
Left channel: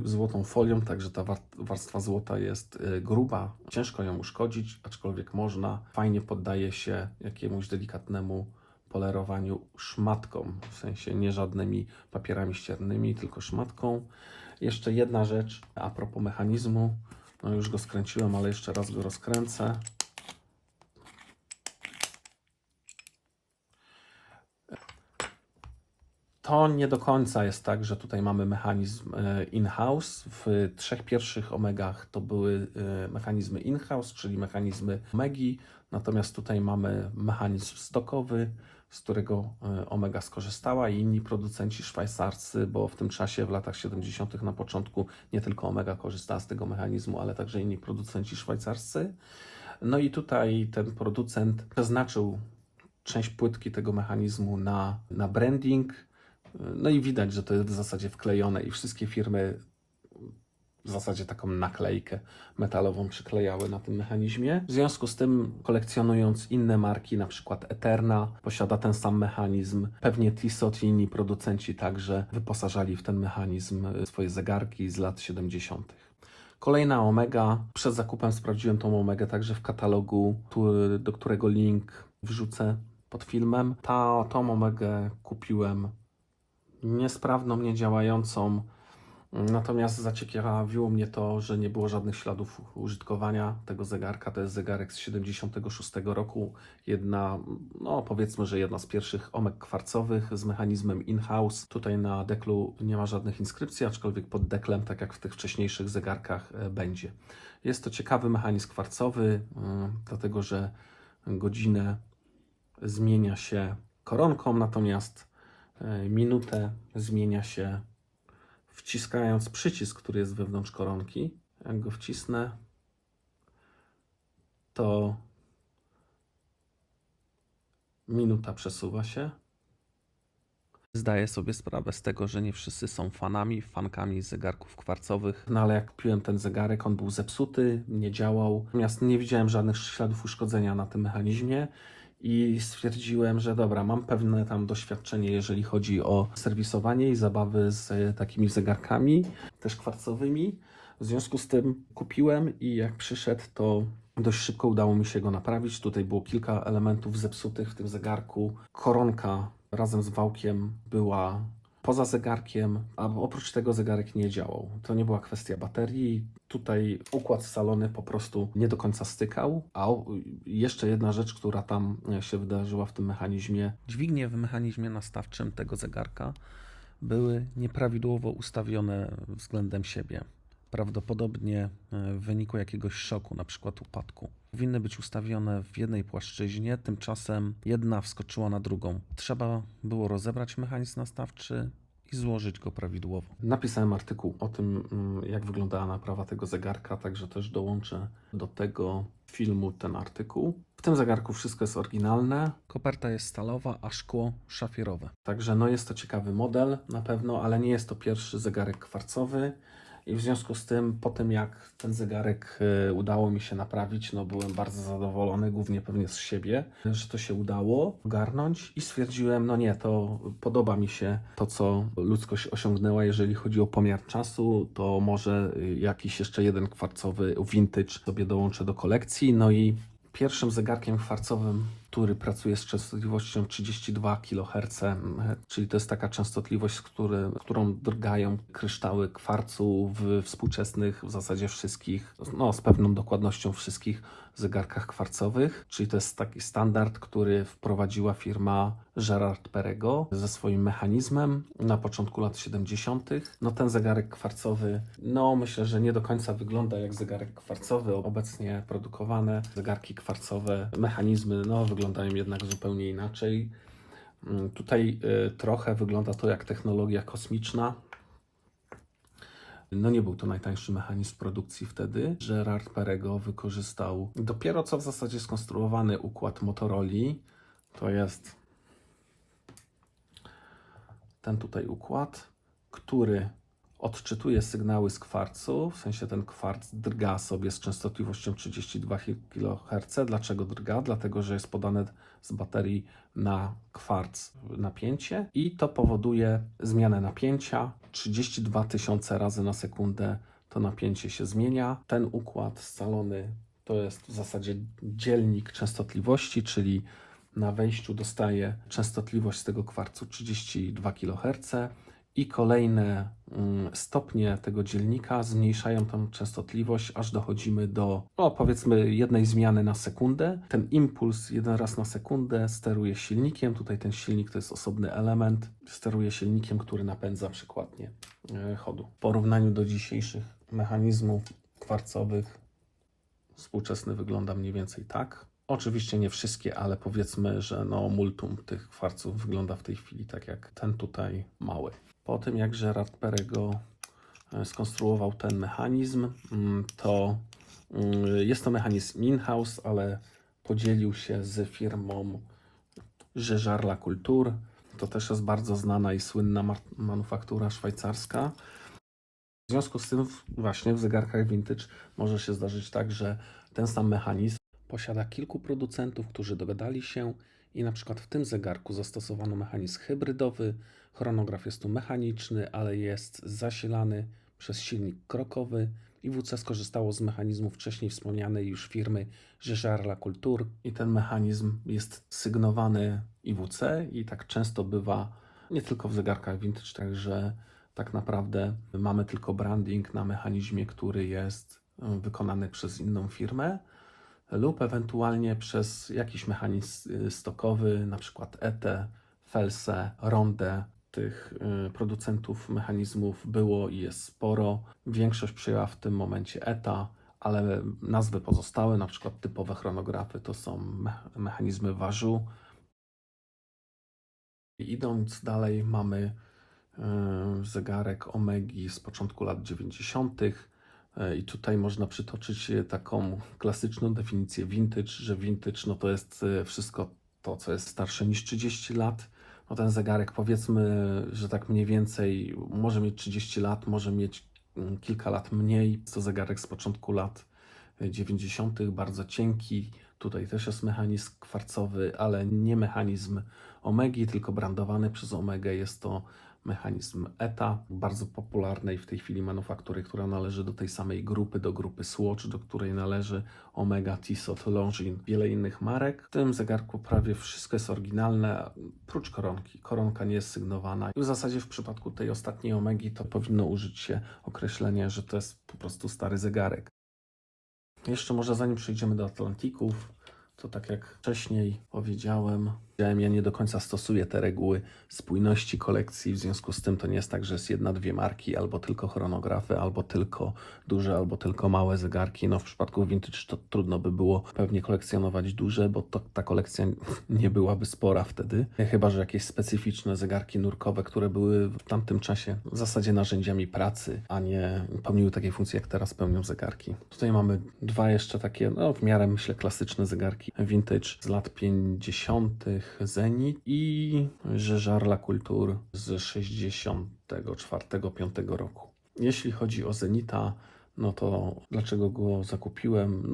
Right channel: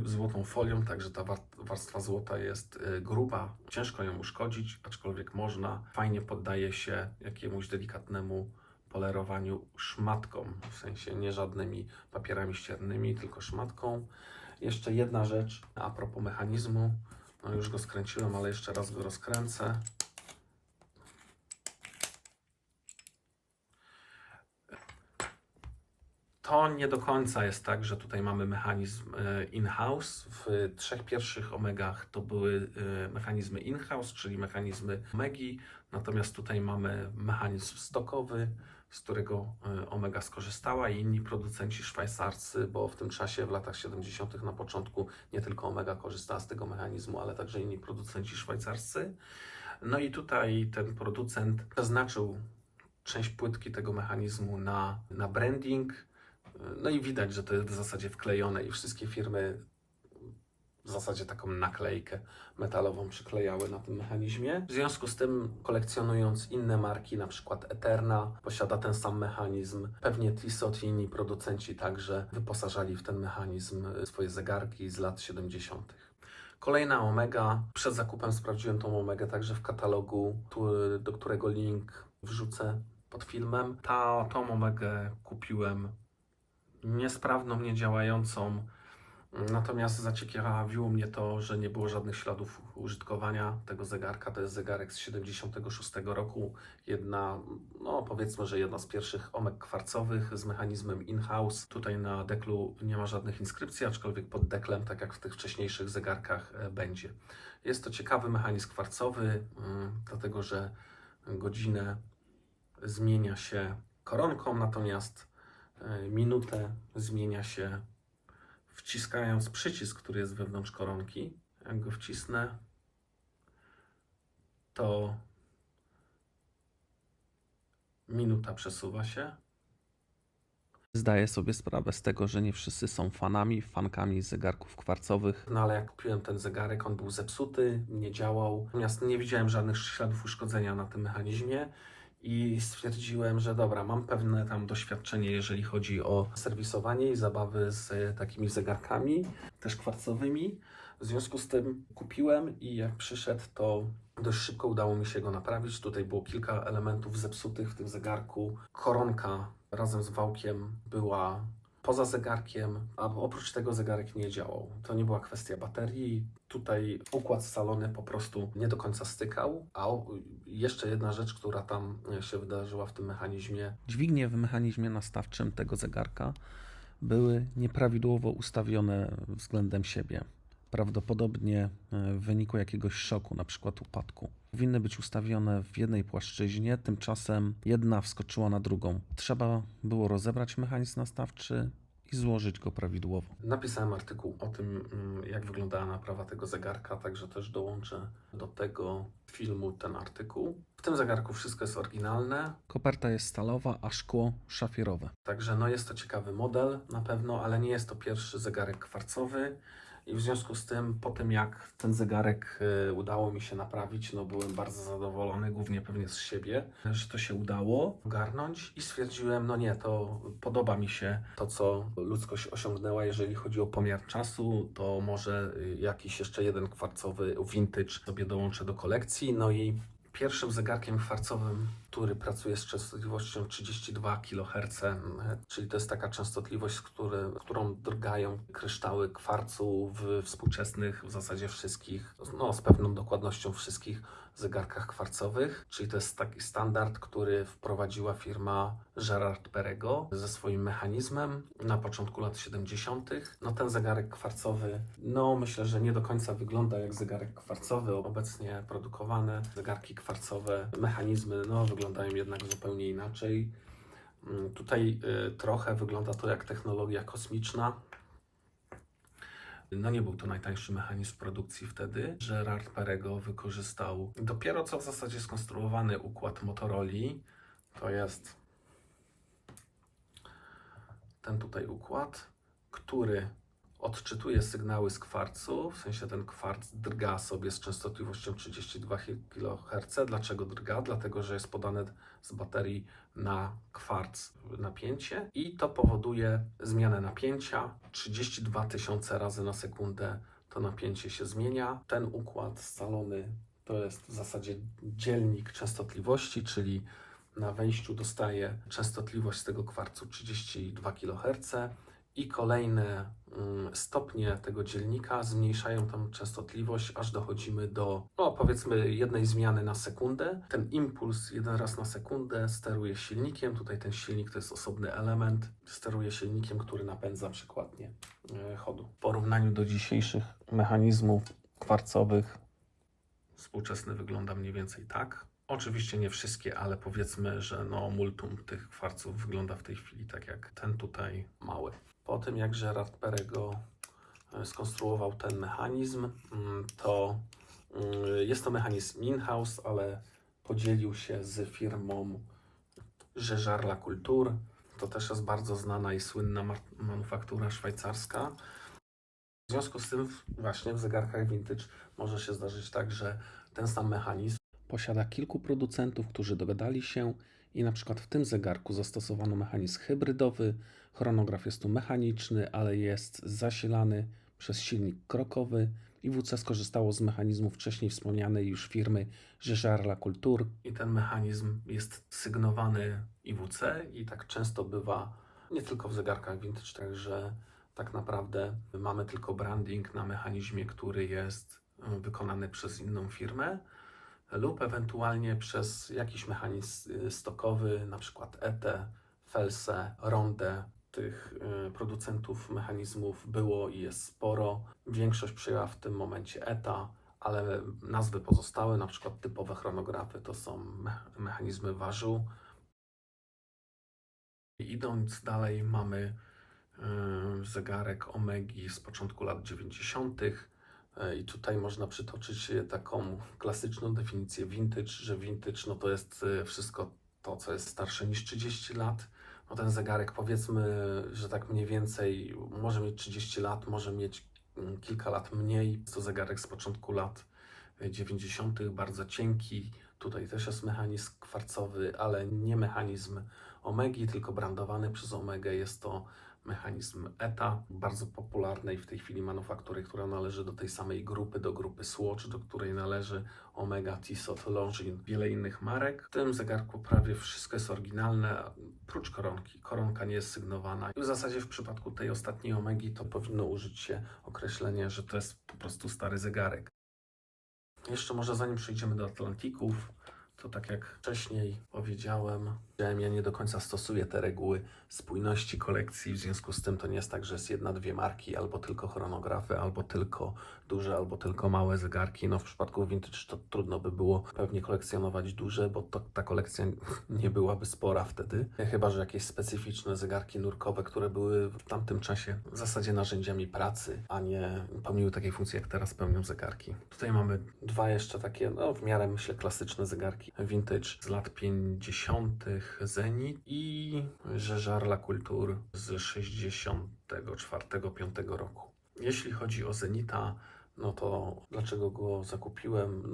złotą folią, także ta warstwa złota jest gruba. Ciężko ją uszkodzić, aczkolwiek można. Fajnie poddaje się jakiemuś delikatnemu polerowaniu szmatką, w sensie nie żadnymi papierami ściernymi, tylko szmatką. Jeszcze jedna rzecz a propos mechanizmu. No już go skręciłem, ale jeszcze raz go rozkręcę. To nie do końca jest tak, że tutaj mamy mechanizm in-house. W 3 pierwszych Omegach to były mechanizmy in-house, czyli mechanizmy Omegi, natomiast tutaj mamy mechanizm stockowy, z którego Omega skorzystała i inni producenci szwajcarscy, bo w tym czasie, w latach 70. na początku nie tylko Omega korzystała z tego mechanizmu, ale także inni producenci szwajcarscy. No i tutaj ten producent przeznaczył część płytki tego mechanizmu na branding. No i widać, że to jest w zasadzie wklejone i wszystkie firmy w zasadzie taką naklejkę metalową przyklejały na tym mechanizmie. W związku z tym, kolekcjonując inne marki, na przykład Eterna posiada ten sam mechanizm, pewnie Tissot i inni producenci także wyposażali w ten mechanizm swoje zegarki z lat 70. Kolejna Omega. Przed zakupem sprawdziłem tą Omegę także w katalogu, do którego link wrzucę pod filmem. Tą Omegę kupiłem niesprawną, niedziałającą, natomiast zaciekawiło mnie to, że nie było żadnych śladów użytkowania tego zegarka. To jest zegarek z 76 roku, powiedzmy, że jedna z pierwszych Omeg kwarcowych z mechanizmem in-house. Tutaj na deklu nie ma żadnych inskrypcji, aczkolwiek pod deklem, tak jak w tych wcześniejszych zegarkach, będzie. Jest to ciekawy mechanizm kwarcowy, dlatego że godzinę zmienia się koronką, natomiast minutę zmienia się wciskając przycisk, który jest wewnątrz koronki. Jak go wcisnę, to minuta przesuwa się. Zdaję sobie sprawę z tego, że nie wszyscy są fankami zegarków kwarcowych. No ale jak kupiłem ten zegarek, on był zepsuty, nie działał. Natomiast nie widziałem żadnych śladów uszkodzenia na tym mechanizmie. I stwierdziłem, że dobra, mam pewne tam doświadczenie, jeżeli chodzi o serwisowanie i zabawy z takimi zegarkami, też kwarcowymi. W związku z tym kupiłem i jak przyszedł, to dość szybko udało mi się go naprawić. Tutaj było kilka elementów zepsutych w tym zegarku. Koronka razem z wałkiem była poza zegarkiem, a oprócz tego zegarek nie działał. To nie była kwestia baterii. Tutaj układ scalony po prostu nie do końca stykał. A jeszcze jedna rzecz, która tam się wydarzyła w tym mechanizmie. Dźwignie w mechanizmie nastawczym tego zegarka były nieprawidłowo ustawione względem siebie. Prawdopodobnie w wyniku jakiegoś szoku, na przykład upadku. Powinny być ustawione w jednej płaszczyźnie, tymczasem jedna wskoczyła na drugą. Trzeba było rozebrać mechanizm nastawczy i złożyć go prawidłowo. Napisałem artykuł o tym, jak wyglądała naprawa tego zegarka, także też dołączę do tego filmu ten artykuł. W tym zegarku wszystko jest oryginalne. Koperta jest stalowa, a szkło szafierowe. Także jest to ciekawy model na pewno, ale nie jest to pierwszy zegarek kwarcowy. I w związku z tym, po tym jak ten zegarek udało mi się naprawić, byłem bardzo zadowolony, głównie pewnie z siebie, że to się udało ogarnąć i stwierdziłem, to podoba mi się to, co ludzkość osiągnęła, jeżeli chodzi o pomiar czasu, to może jakiś jeszcze jeden kwarcowy vintage sobie dołączę do kolekcji. I pierwszym zegarkiem kwarcowym, który pracuje z częstotliwością 32 kHz, czyli to jest taka częstotliwość, którą drgają kryształy kwarcu w współczesnych, w zasadzie wszystkich, z pewną dokładnością wszystkich zegarkach kwarcowych, czyli to jest taki standard, który wprowadziła firma Gerard Perregaux ze swoim mechanizmem na początku lat 70. Ten zegarek kwarcowy, myślę, że nie do końca wygląda jak zegarek kwarcowy. Obecnie produkowane zegarki kwarcowe, mechanizmy, wyglądają jednak zupełnie inaczej. Tutaj trochę wygląda to jak technologia kosmiczna. No nie był to najtańszy mechanizm produkcji wtedy. Gerard Perego wykorzystał dopiero co w zasadzie skonstruowany układ Motorola. To jest ten tutaj układ, który odczytuje sygnały z kwarcu, w sensie ten kwarc drga sobie z częstotliwością 32 kHz. Dlaczego drga? Dlatego, że jest podane z baterii na kwarc napięcie i to powoduje zmianę napięcia. 32 000 razy na sekundę to napięcie się zmienia. Ten układ scalony to jest w zasadzie dzielnik częstotliwości, czyli na wejściu dostaje częstotliwość z tego kwarcu 32 kHz i kolejne stopnie tego dzielnika zmniejszają tę częstotliwość, aż dochodzimy do, powiedzmy, jednej zmiany na sekundę. Ten impuls jeden raz na sekundę steruje silnikiem. Tutaj ten silnik to jest osobny element. Steruje silnikiem, który napędza przykładnie chodu. W porównaniu do dzisiejszych mechanizmów kwarcowych współczesny wygląda mniej więcej tak. Oczywiście nie wszystkie, ale powiedzmy, że multum tych kwarców wygląda w tej chwili tak jak ten tutaj mały. Po tym jak Gerard Perego skonstruował ten mechanizm, to jest to mechanizm in-house, ale podzielił się z firmą Jaeger LaCoulture. To też jest bardzo znana i słynna manufaktura szwajcarska. W związku z tym właśnie w zegarkach vintage może się zdarzyć tak, że ten sam mechanizm Posiada kilku producentów, którzy dogadali się i na przykład w tym zegarku zastosowano mechanizm hybrydowy. Chronograf jest tu mechaniczny, ale jest zasilany przez silnik krokowy. IWC skorzystało z mechanizmu wcześniej wspomnianej już firmy Jaeger LaCoulture. i ten mechanizm jest sygnowany IWC i tak często bywa nie tylko w zegarkach vintage, także tak naprawdę mamy tylko branding na mechanizmie, który jest wykonany przez inną firmę lub ewentualnie przez jakiś mechanizm stokowy, na przykład ETE, Felse, Ronde. Tych producentów mechanizmów było i jest sporo. Większość przyjęła w tym momencie ETA, ale nazwy pozostałe, na przykład typowe chronografy, to są mechanizmy Wazoo. Idąc dalej, mamy zegarek Omegi z początku lat 90. I tutaj można przytoczyć taką klasyczną definicję vintage, że vintage to jest wszystko to, co jest starsze niż 30 lat. Ten zegarek, powiedzmy, że tak mniej więcej może mieć 30 lat, może mieć kilka lat mniej. Jest to zegarek z początku lat 90., bardzo cienki. Tutaj też jest mechanizm kwarcowy, ale nie mechanizm Omegi, tylko brandowany przez Omegę. Jest to mechanizm ETA, bardzo popularnej w tej chwili manufaktury, która należy do tej samej grupy, do grupy Swatch, do której należy Omega, Tissot, Longines, wiele innych marek. W tym zegarku prawie wszystko jest oryginalne, prócz koronki. Koronka nie jest sygnowana. I w zasadzie w przypadku tej ostatniej Omegi to powinno użyć się określenie, że to jest po prostu stary zegarek. Jeszcze może zanim przejdziemy do Atlantików, to tak jak wcześniej powiedziałem, ja nie do końca stosuję te reguły spójności kolekcji, w związku z tym to nie jest tak, że jest jedna, dwie marki, albo tylko chronografy, albo tylko duże, albo tylko małe zegarki. W przypadku vintage to trudno by było pewnie kolekcjonować duże, bo ta kolekcja nie byłaby spora wtedy. Chyba że jakieś specyficzne zegarki nurkowe, które były w tamtym czasie w zasadzie narzędziami pracy, a nie pełniły takie funkcje, jak teraz pełnią zegarki. Tutaj mamy dwa jeszcze takie, w miarę myślę klasyczne zegarki vintage z lat 50. Zenit i Jaeger LaCoulture z 64-5 roku. Jeśli chodzi o Zenita, to dlaczego go zakupiłem?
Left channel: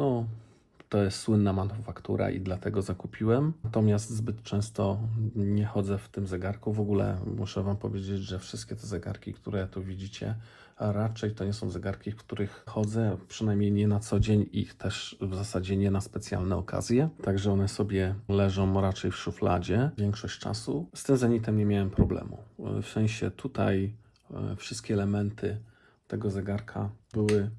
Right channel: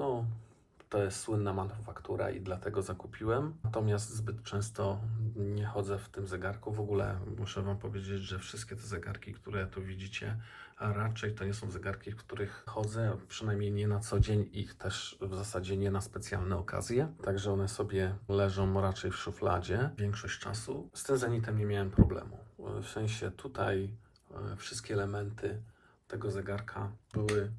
To jest słynna manufaktura i dlatego zakupiłem. Natomiast zbyt często nie chodzę w tym zegarku. W ogóle muszę Wam powiedzieć, że wszystkie te zegarki, które tu widzicie, a raczej to nie są zegarki, w których chodzę, przynajmniej nie na co dzień i też w zasadzie nie na specjalne okazje. Także one sobie leżą raczej w szufladzie większość czasu. Z tym Zenitem nie miałem problemu. W sensie tutaj wszystkie elementy tego zegarka były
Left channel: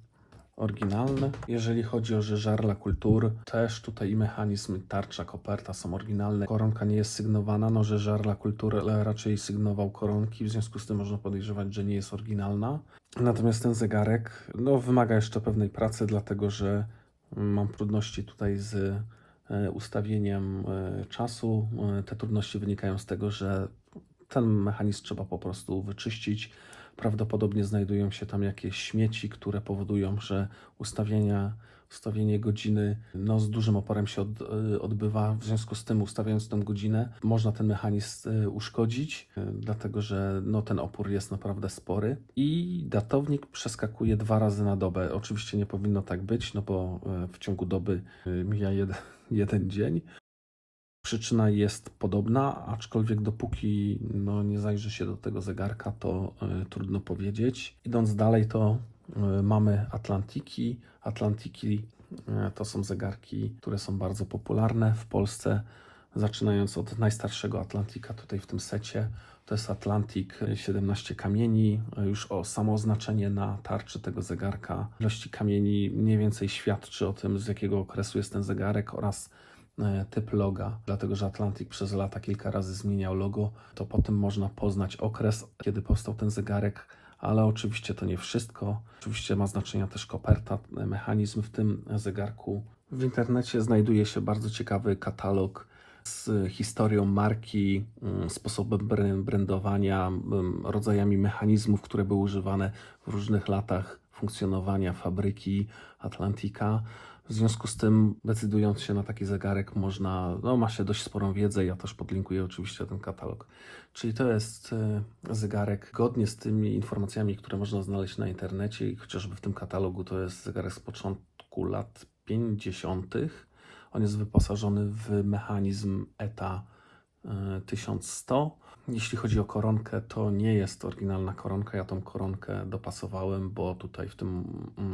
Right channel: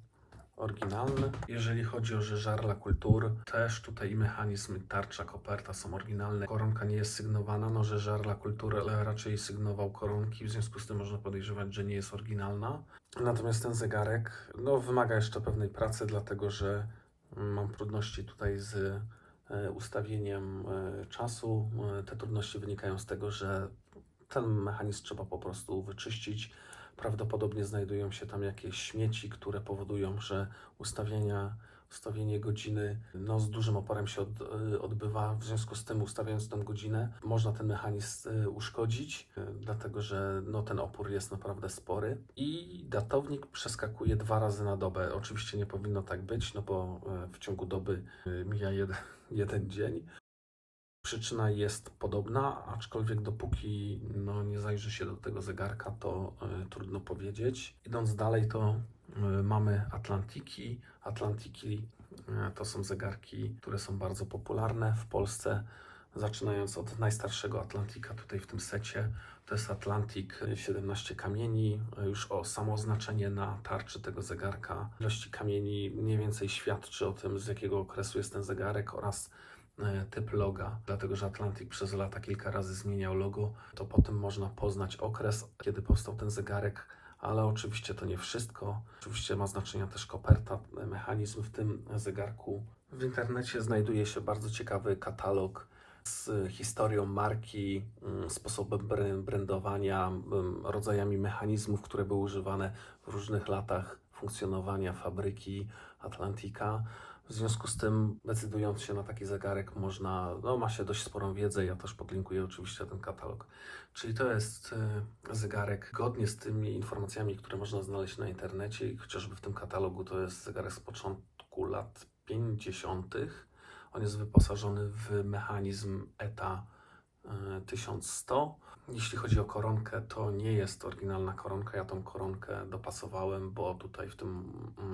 oryginalne. Jeżeli chodzi o Jaeger LaCoulture, też tutaj mechanizm, tarcza, koperta są oryginalne. Koronka nie jest sygnowana, Jaeger LaCoulture raczej sygnował koronki, w związku z tym można podejrzewać, że nie jest oryginalna. Natomiast ten zegarek wymaga jeszcze pewnej pracy, dlatego że mam trudności tutaj z ustawieniem czasu. Te trudności wynikają z tego, że ten mechanizm trzeba po prostu wyczyścić. Prawdopodobnie znajdują się tam jakieś śmieci, które powodują, że ustawienie godziny z dużym oporem się odbywa. W związku z tym, ustawiając tę godzinę, można ten mechanizm uszkodzić, dlatego że ten opór jest naprawdę spory. I datownik przeskakuje 2 razy na dobę. Oczywiście nie powinno tak być, bo w ciągu doby mija jeden dzień. Przyczyna jest podobna, aczkolwiek dopóki nie zajrzy się do tego zegarka, to trudno powiedzieć. Idąc dalej, to mamy Atlantiki. Atlantiki to są zegarki, które są bardzo popularne w Polsce. Zaczynając od najstarszego Atlantika tutaj w tym secie, to jest Atlantik 17 kamieni. Już samo oznaczenie na tarczy tego zegarka ilości kamieni mniej więcej świadczy o tym, z jakiego okresu jest ten zegarek oraz typ loga, dlatego że Atlantik przez lata kilka razy zmieniał logo, to po tym można poznać okres, kiedy powstał ten zegarek, ale oczywiście to nie wszystko. Oczywiście ma znaczenie też koperta, mechanizm w tym zegarku. W internecie znajduje się bardzo ciekawy katalog z historią marki, sposobem brandowania, rodzajami mechanizmów, które były używane w różnych latach funkcjonowania fabryki Atlantika. W związku z tym, decydując się na taki zegarek, ma się dość sporą wiedzę. Ja też podlinkuję oczywiście ten katalog. Czyli to jest zegarek zgodnie z tymi informacjami, które można znaleźć na internecie i chociażby w tym katalogu to jest zegarek z początku lat 50. On jest wyposażony w mechanizm ETA 1100. Jeśli chodzi o koronkę, to nie jest oryginalna koronka. Ja tą koronkę dopasowałem, bo tutaj w tym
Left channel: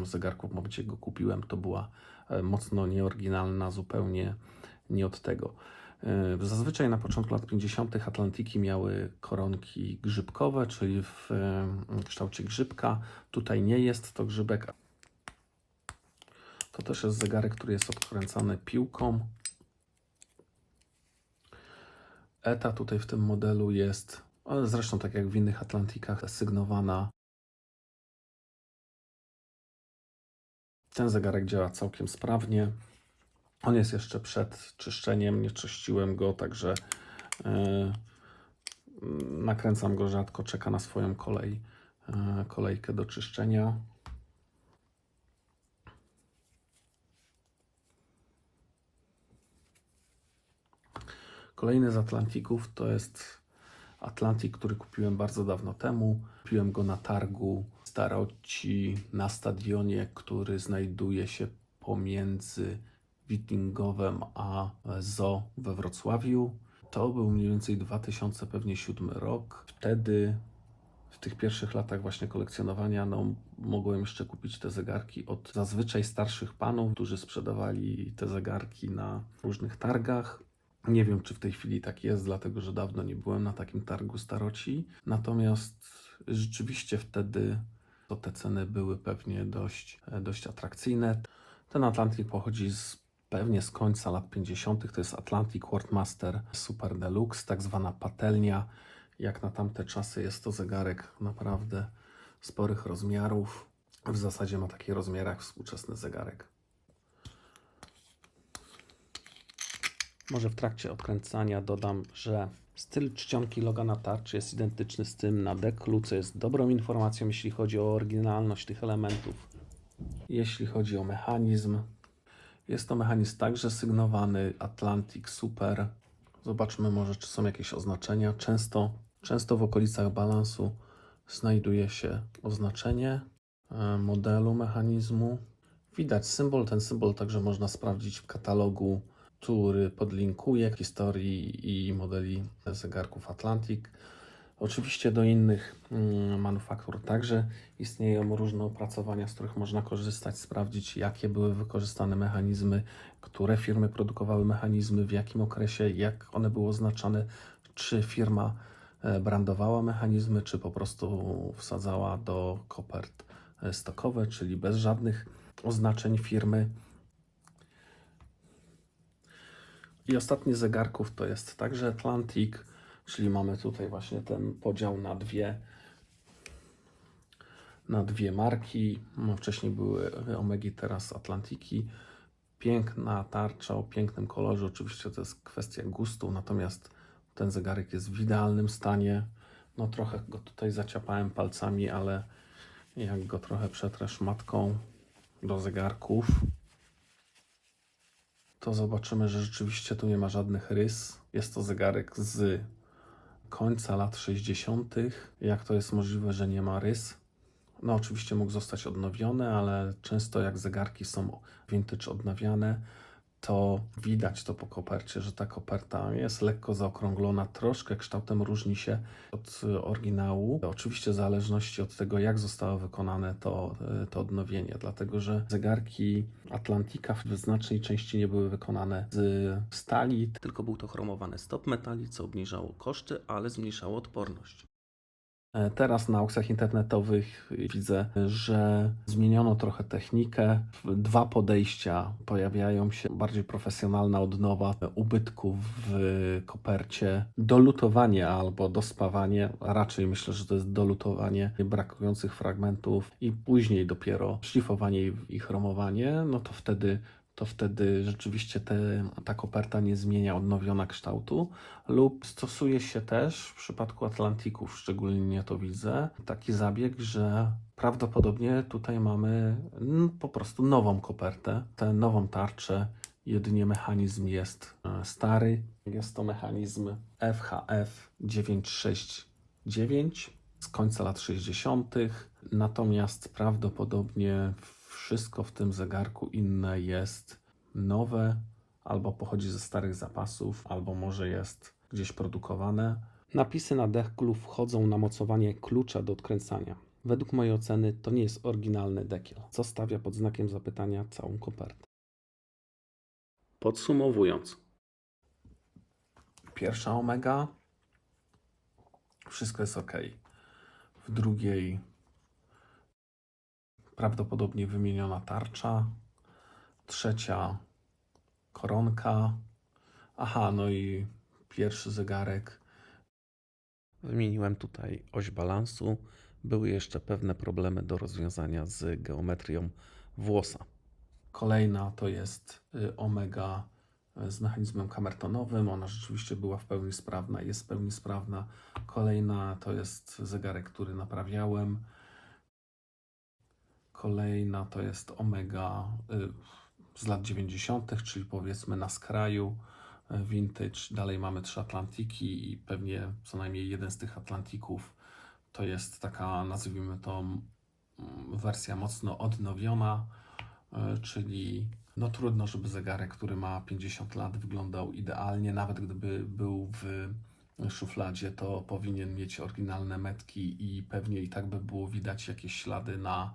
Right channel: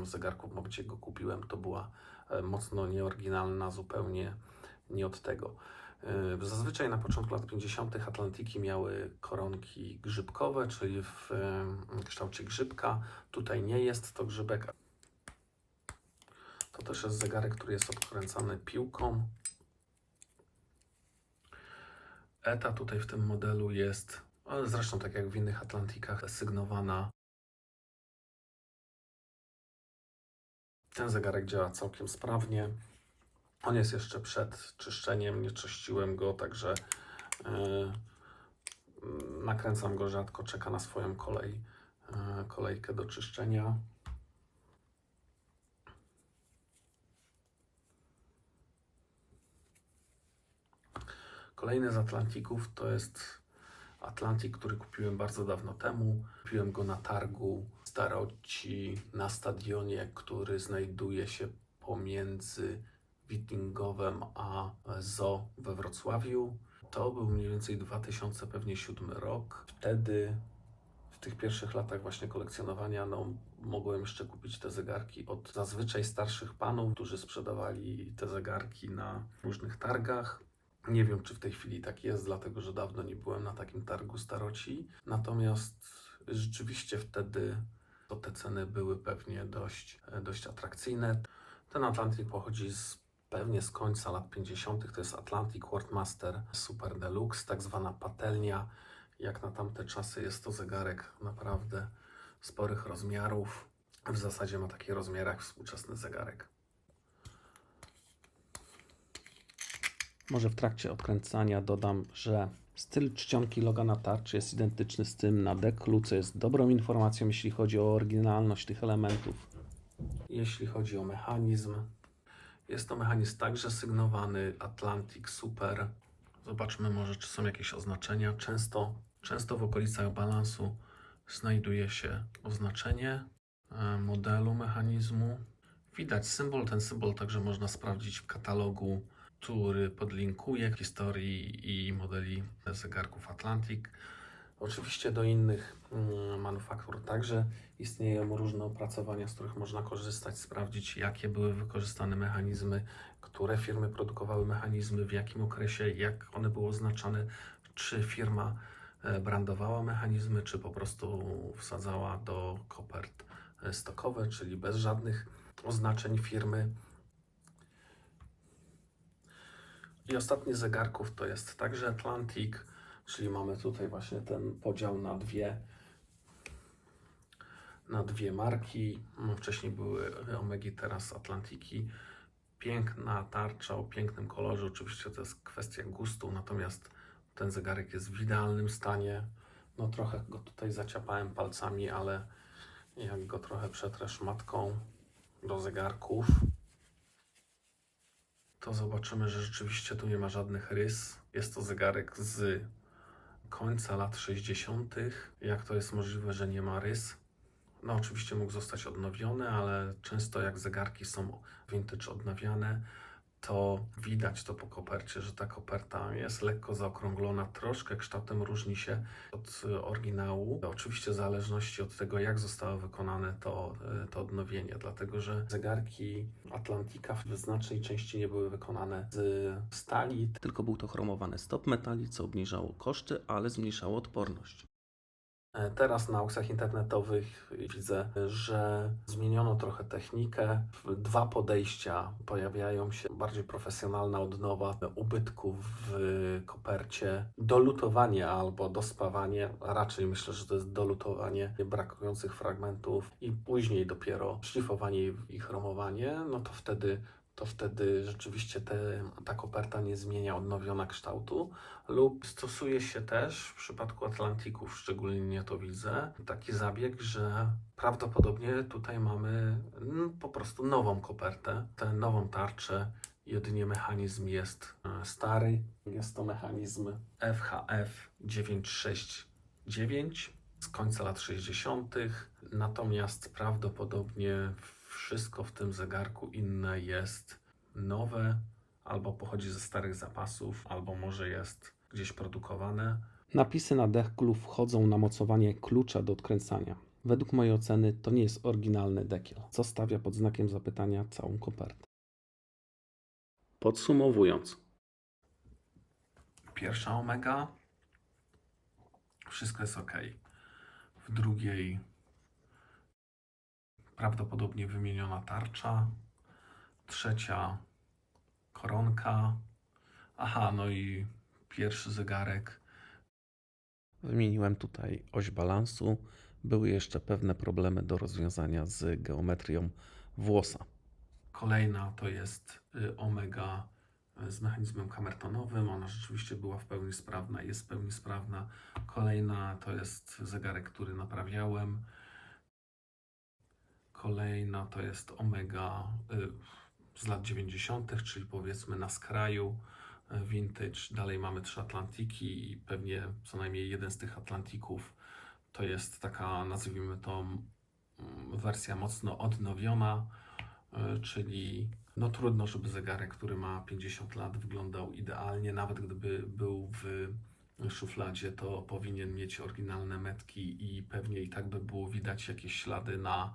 zegarku, w momencie go kupiłem, to była mocno nieoryginalna, zupełnie nie od tego. Zazwyczaj na początku lat 50. Atlantiki miały koronki grzybkowe, czyli w kształcie grzybka. Tutaj nie jest to grzybek. To też jest zegarek, który jest odkręcany piłką. ETA tutaj w tym modelu jest, zresztą tak jak w innych Atlantikach, sygnowana. Ten zegarek działa całkiem sprawnie. On jest jeszcze przed czyszczeniem, nie czyściłem go, także nakręcam go rzadko, czeka na swoją kolejkę do czyszczenia. Kolejny z Atlantików to jest Atlantik, który kupiłem bardzo dawno temu. Kupiłem go na targu staroci na stadionie, który znajduje się pomiędzy Witingowem a Zoo we Wrocławiu. To był mniej więcej 2007 rok. Wtedy, w tych pierwszych latach właśnie kolekcjonowania, mogłem jeszcze kupić te zegarki od zazwyczaj starszych panów, którzy sprzedawali te zegarki na różnych targach. Nie wiem, czy w tej chwili tak jest, dlatego że dawno nie byłem na takim targu staroci. Natomiast rzeczywiście wtedy te ceny były pewnie dość atrakcyjne. Ten Atlantik pochodzi pewnie z końca lat 50. To jest Atlantik Worldmaster Super Deluxe, tak zwana patelnia. Jak na tamte czasy jest to zegarek naprawdę sporych rozmiarów. W zasadzie ma taki rozmiar jak współczesny zegarek. Może w trakcie odkręcania dodam, że styl czcionki loga na tarczy jest identyczny z tym na deklu, co jest dobrą informacją, jeśli chodzi o oryginalność tych elementów. Jeśli chodzi o mechanizm, jest to mechanizm także sygnowany Atlantik Super. Zobaczmy może, czy są jakieś oznaczenia. Często w okolicach balansu znajduje się oznaczenie modelu mechanizmu. Widać symbol. Ten symbol także można sprawdzić w katalogu, który podlinkuję, historii i modeli zegarków Atlantik. Oczywiście do innych manufaktur także istnieją różne opracowania, z których można korzystać, sprawdzić, jakie były wykorzystane mechanizmy, które firmy produkowały mechanizmy, w jakim okresie, jak one były oznaczane, czy firma brandowała mechanizmy, czy po prostu wsadzała do kopert stokowe, czyli bez żadnych oznaczeń firmy. I ostatni z zegarków to jest także Atlantik, czyli mamy tutaj właśnie ten podział na dwie marki. Wcześniej były Omegi, teraz Atlantiki. Piękna tarcza o pięknym kolorze, oczywiście to jest kwestia gustu, natomiast ten zegarek jest w idealnym stanie. No trochę go tutaj zaciapałem palcami, ale jak go trochę przetrę szmatką do zegarków, to zobaczymy, że rzeczywiście tu nie ma żadnych rys. Jest to zegarek z końca lat 60. Jak to jest możliwe, że nie ma rys? No oczywiście mógł zostać odnowiony, ale często jak zegarki są vintage odnawiane, to widać to po kopercie, że ta koperta jest lekko zaokrąglona, troszkę kształtem różni się od oryginału. Oczywiście w zależności od tego, jak zostało wykonane to odnowienie, dlatego że zegarki Atlantika w znacznej części nie były wykonane z stali, Tylko był to chromowany stop metali, co obniżało koszty, ale zmniejszało odporność. Teraz na aukcjach internetowych widzę, że zmieniono trochę technikę. Dwa podejścia pojawiają się. Bardziej profesjonalna odnowa ubytków w kopercie, dolutowanie albo dospawanie. Raczej myślę, że to jest dolutowanie brakujących fragmentów i później dopiero szlifowanie i chromowanie. No to wtedy rzeczywiście ta koperta nie zmienia odnowiona kształtu. Lub stosuje się też w przypadku Atlantików, szczególnie to widzę, taki zabieg, że prawdopodobnie tutaj mamy po prostu nową kopertę, tę nową tarczę, jedynie mechanizm jest stary. Jest to mechanizm FHF 969 z końca lat 60. Natomiast prawdopodobnie wszystko w tym zegarku inne jest nowe, albo pochodzi ze starych zapasów, albo może jest gdzieś produkowane. Napisy na deklu wchodzą na mocowanie klucza do odkręcania. Według mojej oceny to nie jest oryginalny dekiel, co stawia pod znakiem zapytania całą kopertę. Podsumowując, Pierwsza omega, wszystko jest ok. W drugiej prawdopodobnie wymieniona tarcza. Trzecia koronka. Aha, no i pierwszy zegarek. wymieniłem tutaj oś balansu. Były jeszcze pewne problemy do rozwiązania z geometrią włosa. Kolejna to jest omega z mechanizmem kamertonowym. Ona rzeczywiście była w pełni sprawna, jest w pełni sprawna. Kolejna to jest zegarek, który naprawiałem. Kolejna to jest omega z lat 90., czyli powiedzmy na skraju vintage. Dalej mamy 3 Atlantiki i pewnie co najmniej jeden z tych Atlantików to jest taka, nazwijmy to, wersja mocno odnowiona, czyli no trudno, żeby zegarek, który ma 50 lat, wyglądał idealnie. Nawet gdyby był w szufladzie, to powinien mieć oryginalne metki i pewnie i tak by było widać jakieś ślady na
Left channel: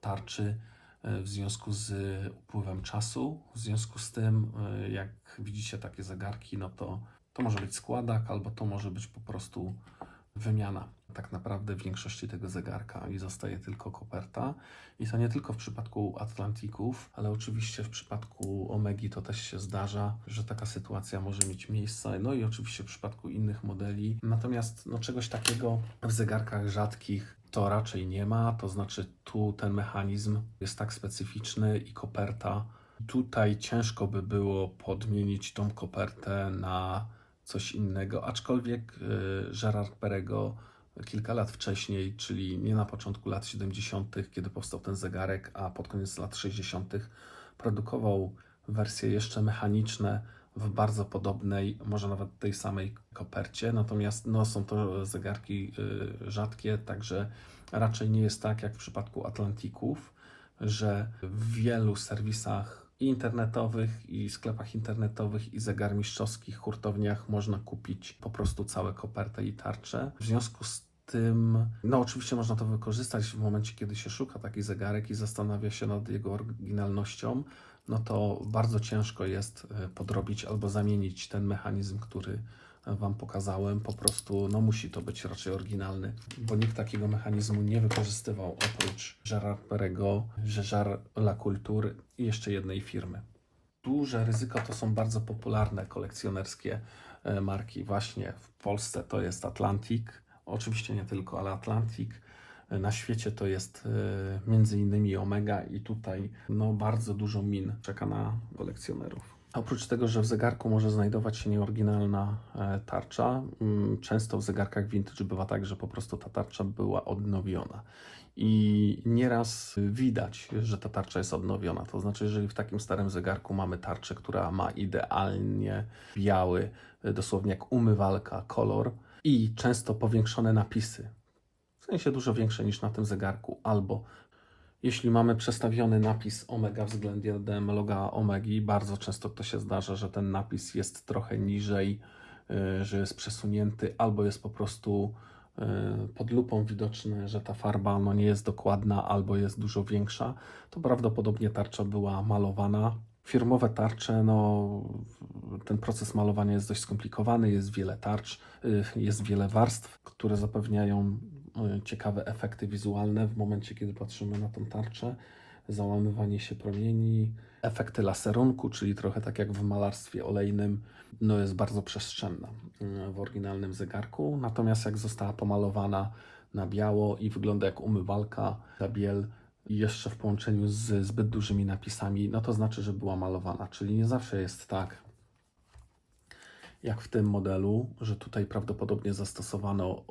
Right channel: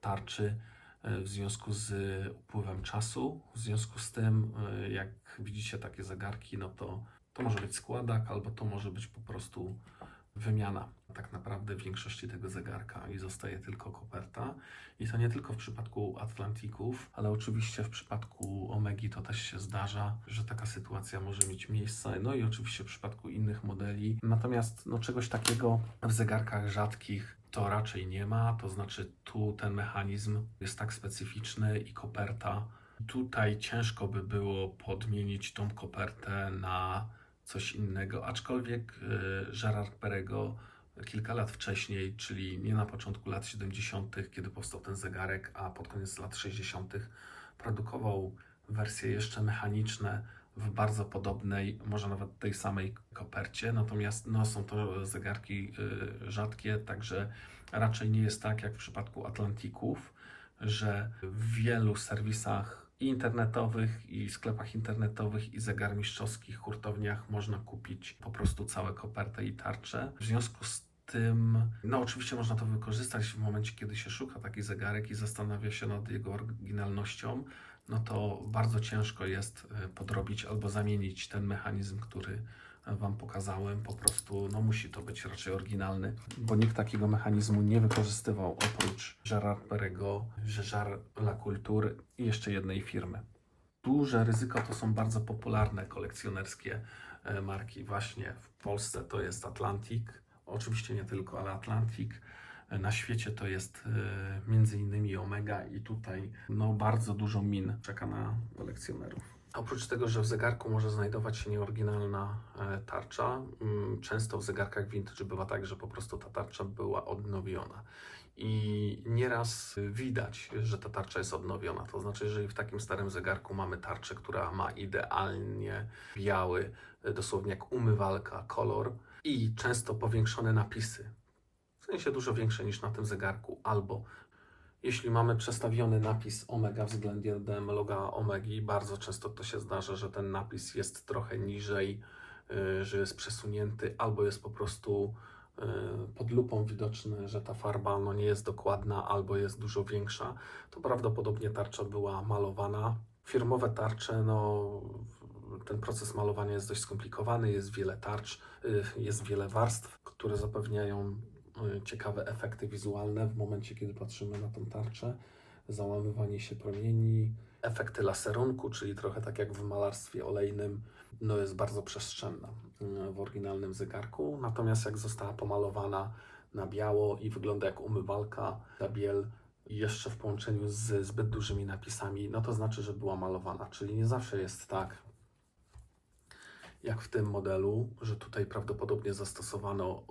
tarczy w związku z upływem czasu. W związku z tym, jak widzicie takie zegarki, no to może być składak, albo to może być po prostu wymiana tak naprawdę większości tego zegarka i zostaje tylko koperta. I to nie tylko w przypadku Atlantików, ale oczywiście w przypadku Omegi to też się zdarza, że taka sytuacja może mieć miejsce. No i oczywiście w przypadku innych modeli. Natomiast no, czegoś takiego w zegarkach rzadkich to raczej nie ma, to znaczy tu ten mechanizm jest tak specyficzny i koperta. Tutaj ciężko by było podmienić tą kopertę na coś innego, aczkolwiek Gerard Perregaux kilka lat wcześniej, czyli nie na początku lat 70., kiedy powstał ten zegarek, a pod koniec lat 60., produkował wersje jeszcze mechaniczne w bardzo podobnej, może nawet tej samej kopercie, natomiast no, są to zegarki rzadkie, także raczej nie jest tak jak w przypadku Atlantików, że w wielu serwisach i internetowych, i sklepach internetowych, i zegarmistrzowskich hurtowniach można kupić po prostu całe kopertę i tarczę. W związku z tym, no oczywiście można to wykorzystać w momencie, kiedy się szuka taki zegarek i zastanawia się nad jego oryginalnością, no to bardzo ciężko jest podrobić albo zamienić ten mechanizm, który Wam pokazałem. Po prostu no musi to być raczej oryginalny, bo nikt takiego mechanizmu nie wykorzystywał oprócz Gerard Perregaux, Jaeger LaCoulture i jeszcze jednej firmy. Duże ryzyko to są bardzo popularne kolekcjonerskie marki. Właśnie w Polsce to jest Atlantik, oczywiście nie tylko, ale Atlantik. na świecie to jest między innymi Omega i tutaj no, bardzo dużo min czeka na kolekcjonerów. Oprócz tego, że w zegarku może znajdować się nieoryginalna tarcza, często w zegarkach vintage bywa tak, że po prostu ta tarcza była odnowiona. I nieraz widać, że ta tarcza jest odnowiona. To znaczy, jeżeli w takim starym zegarku mamy tarczę, która ma idealnie biały, dosłownie jak umywalka, kolor i często powiększone napisy, w sensie dużo większe niż na tym zegarku, albo jeśli mamy przestawiony napis Omega względem loga Omegi, bardzo często to się zdarza, że ten napis jest trochę niżej, że jest przesunięty, albo jest po prostu pod lupą widoczne, że ta farba no, nie jest dokładna, albo jest dużo większa, to prawdopodobnie tarcza była malowana. Firmowe tarcze, no, ten proces malowania jest dość skomplikowany, jest wiele tarcz, jest wiele warstw, które zapewniają ciekawe efekty wizualne w momencie, kiedy patrzymy na tę tarczę. Załamywanie się promieni, efekty laserunku, czyli trochę tak jak w malarstwie olejnym, no jest bardzo przestrzenna w oryginalnym zegarku. Natomiast jak została pomalowana na biało i wygląda jak umywalka, ta biel i jeszcze w połączeniu z zbyt dużymi napisami, no to znaczy, że była malowana. Czyli nie zawsze jest tak, jak w tym modelu, że tutaj prawdopodobnie zastosowano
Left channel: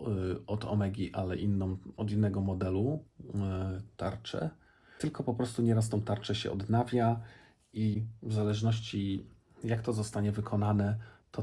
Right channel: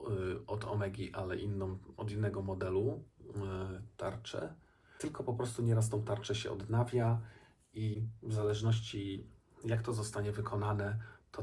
od Omegi, ale od innego modelu tarczę, tylko po prostu nieraz tą tarczę się odnawia i w zależności jak to zostanie wykonane,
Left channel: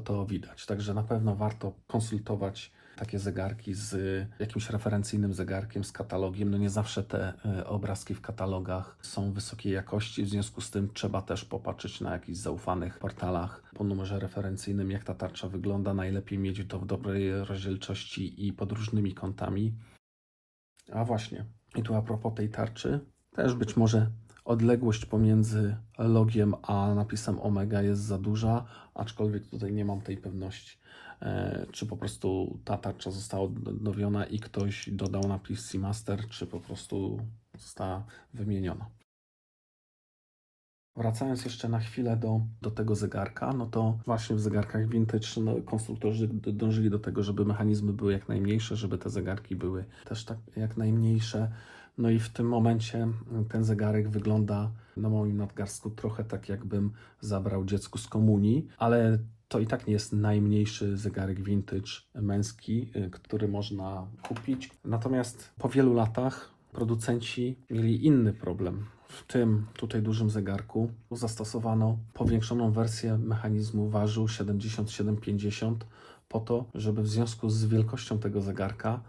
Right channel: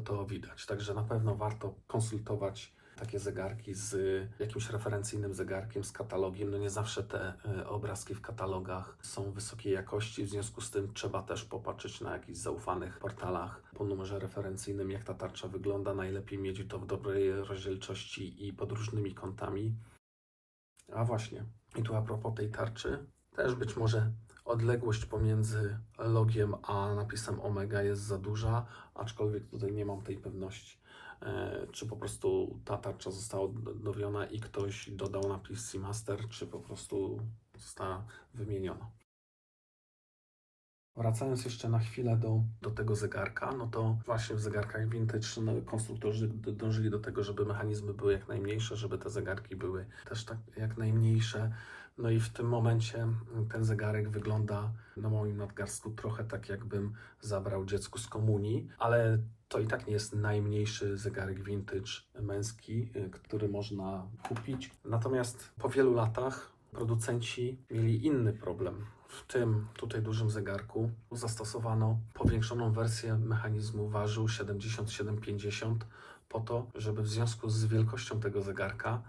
to widać. Także na pewno warto konsultować takie zegarki z jakimś referencyjnym zegarkiem, z katalogiem. No nie zawsze te obrazki w katalogach są wysokiej jakości, w związku z tym trzeba też popatrzeć na jakichś zaufanych portalach po numerze referencyjnym, jak ta tarcza wygląda. Najlepiej mieć to w dobrej rozdzielczości i pod różnymi kątami. A właśnie, i tu a propos tej tarczy, też być może odległość pomiędzy logiem a napisem Omega jest za duża, aczkolwiek tutaj nie mam tej pewności, czy po prostu ta tarcza została odnowiona i ktoś dodał napis Seamaster, czy po prostu została wymieniona. Wracając jeszcze na chwilę do tego zegarka, no to właśnie w zegarkach vintage no, konstruktorzy dążyli do tego, żeby mechanizmy były jak najmniejsze, żeby te zegarki były też tak jak najmniejsze. No i w tym momencie ten zegarek wygląda na moim nadgarstku trochę tak, jakbym zabrał dziecku z komunii, ale to i tak nie jest najmniejszy zegarek vintage męski, który można kupić. Natomiast po wielu latach producenci mieli inny problem. W tym tutaj dużym zegarku zastosowano powiększoną wersję mechanizmu ważył 7750 po to, żeby w związku z wielkością tego zegarka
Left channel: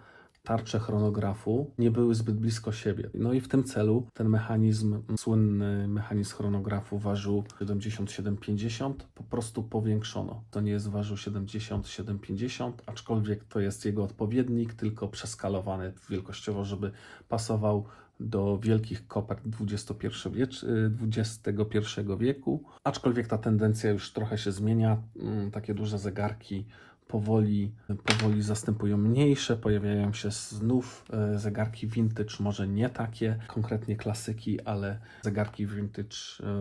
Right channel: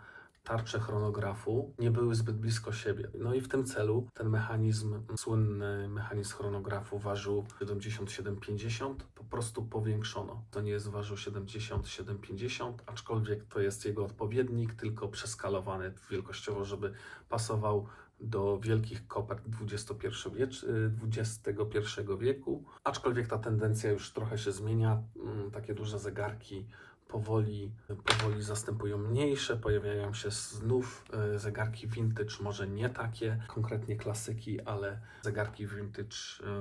tarcze chronografu nie były zbyt blisko siebie. No i w tym celu ten mechanizm, słynny mechanizm chronografu ważył 7750 po prostu powiększono. To nie jest ważył 7750, aczkolwiek to jest jego odpowiednik, tylko przeskalowany wielkościowo, żeby pasował do wielkich kopert XXI wieku. Aczkolwiek ta tendencja już trochę się zmienia. Takie duże zegarki powoli zastępują mniejsze, pojawiają się znów zegarki vintage, może nie takie konkretnie klasyki, ale zegarki vintage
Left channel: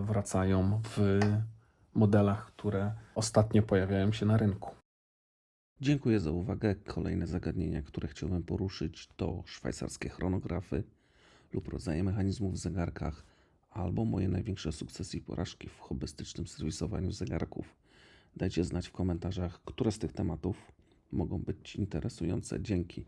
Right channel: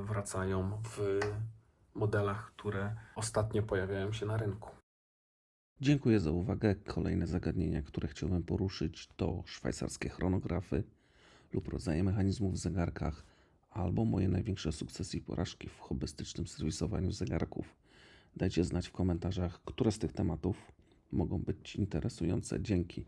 wracają w modelach, które ostatnio pojawiają się na rynku. Dziękuję za uwagę. Kolejne zagadnienia, które chciałbym poruszyć, to szwajcarskie chronografy lub rodzaje mechanizmów w zegarkach, albo moje największe sukcesy i porażki w hobbystycznym serwisowaniu zegarków. Dajcie znać w komentarzach, które z tych tematów mogą być interesujące. Dzięki.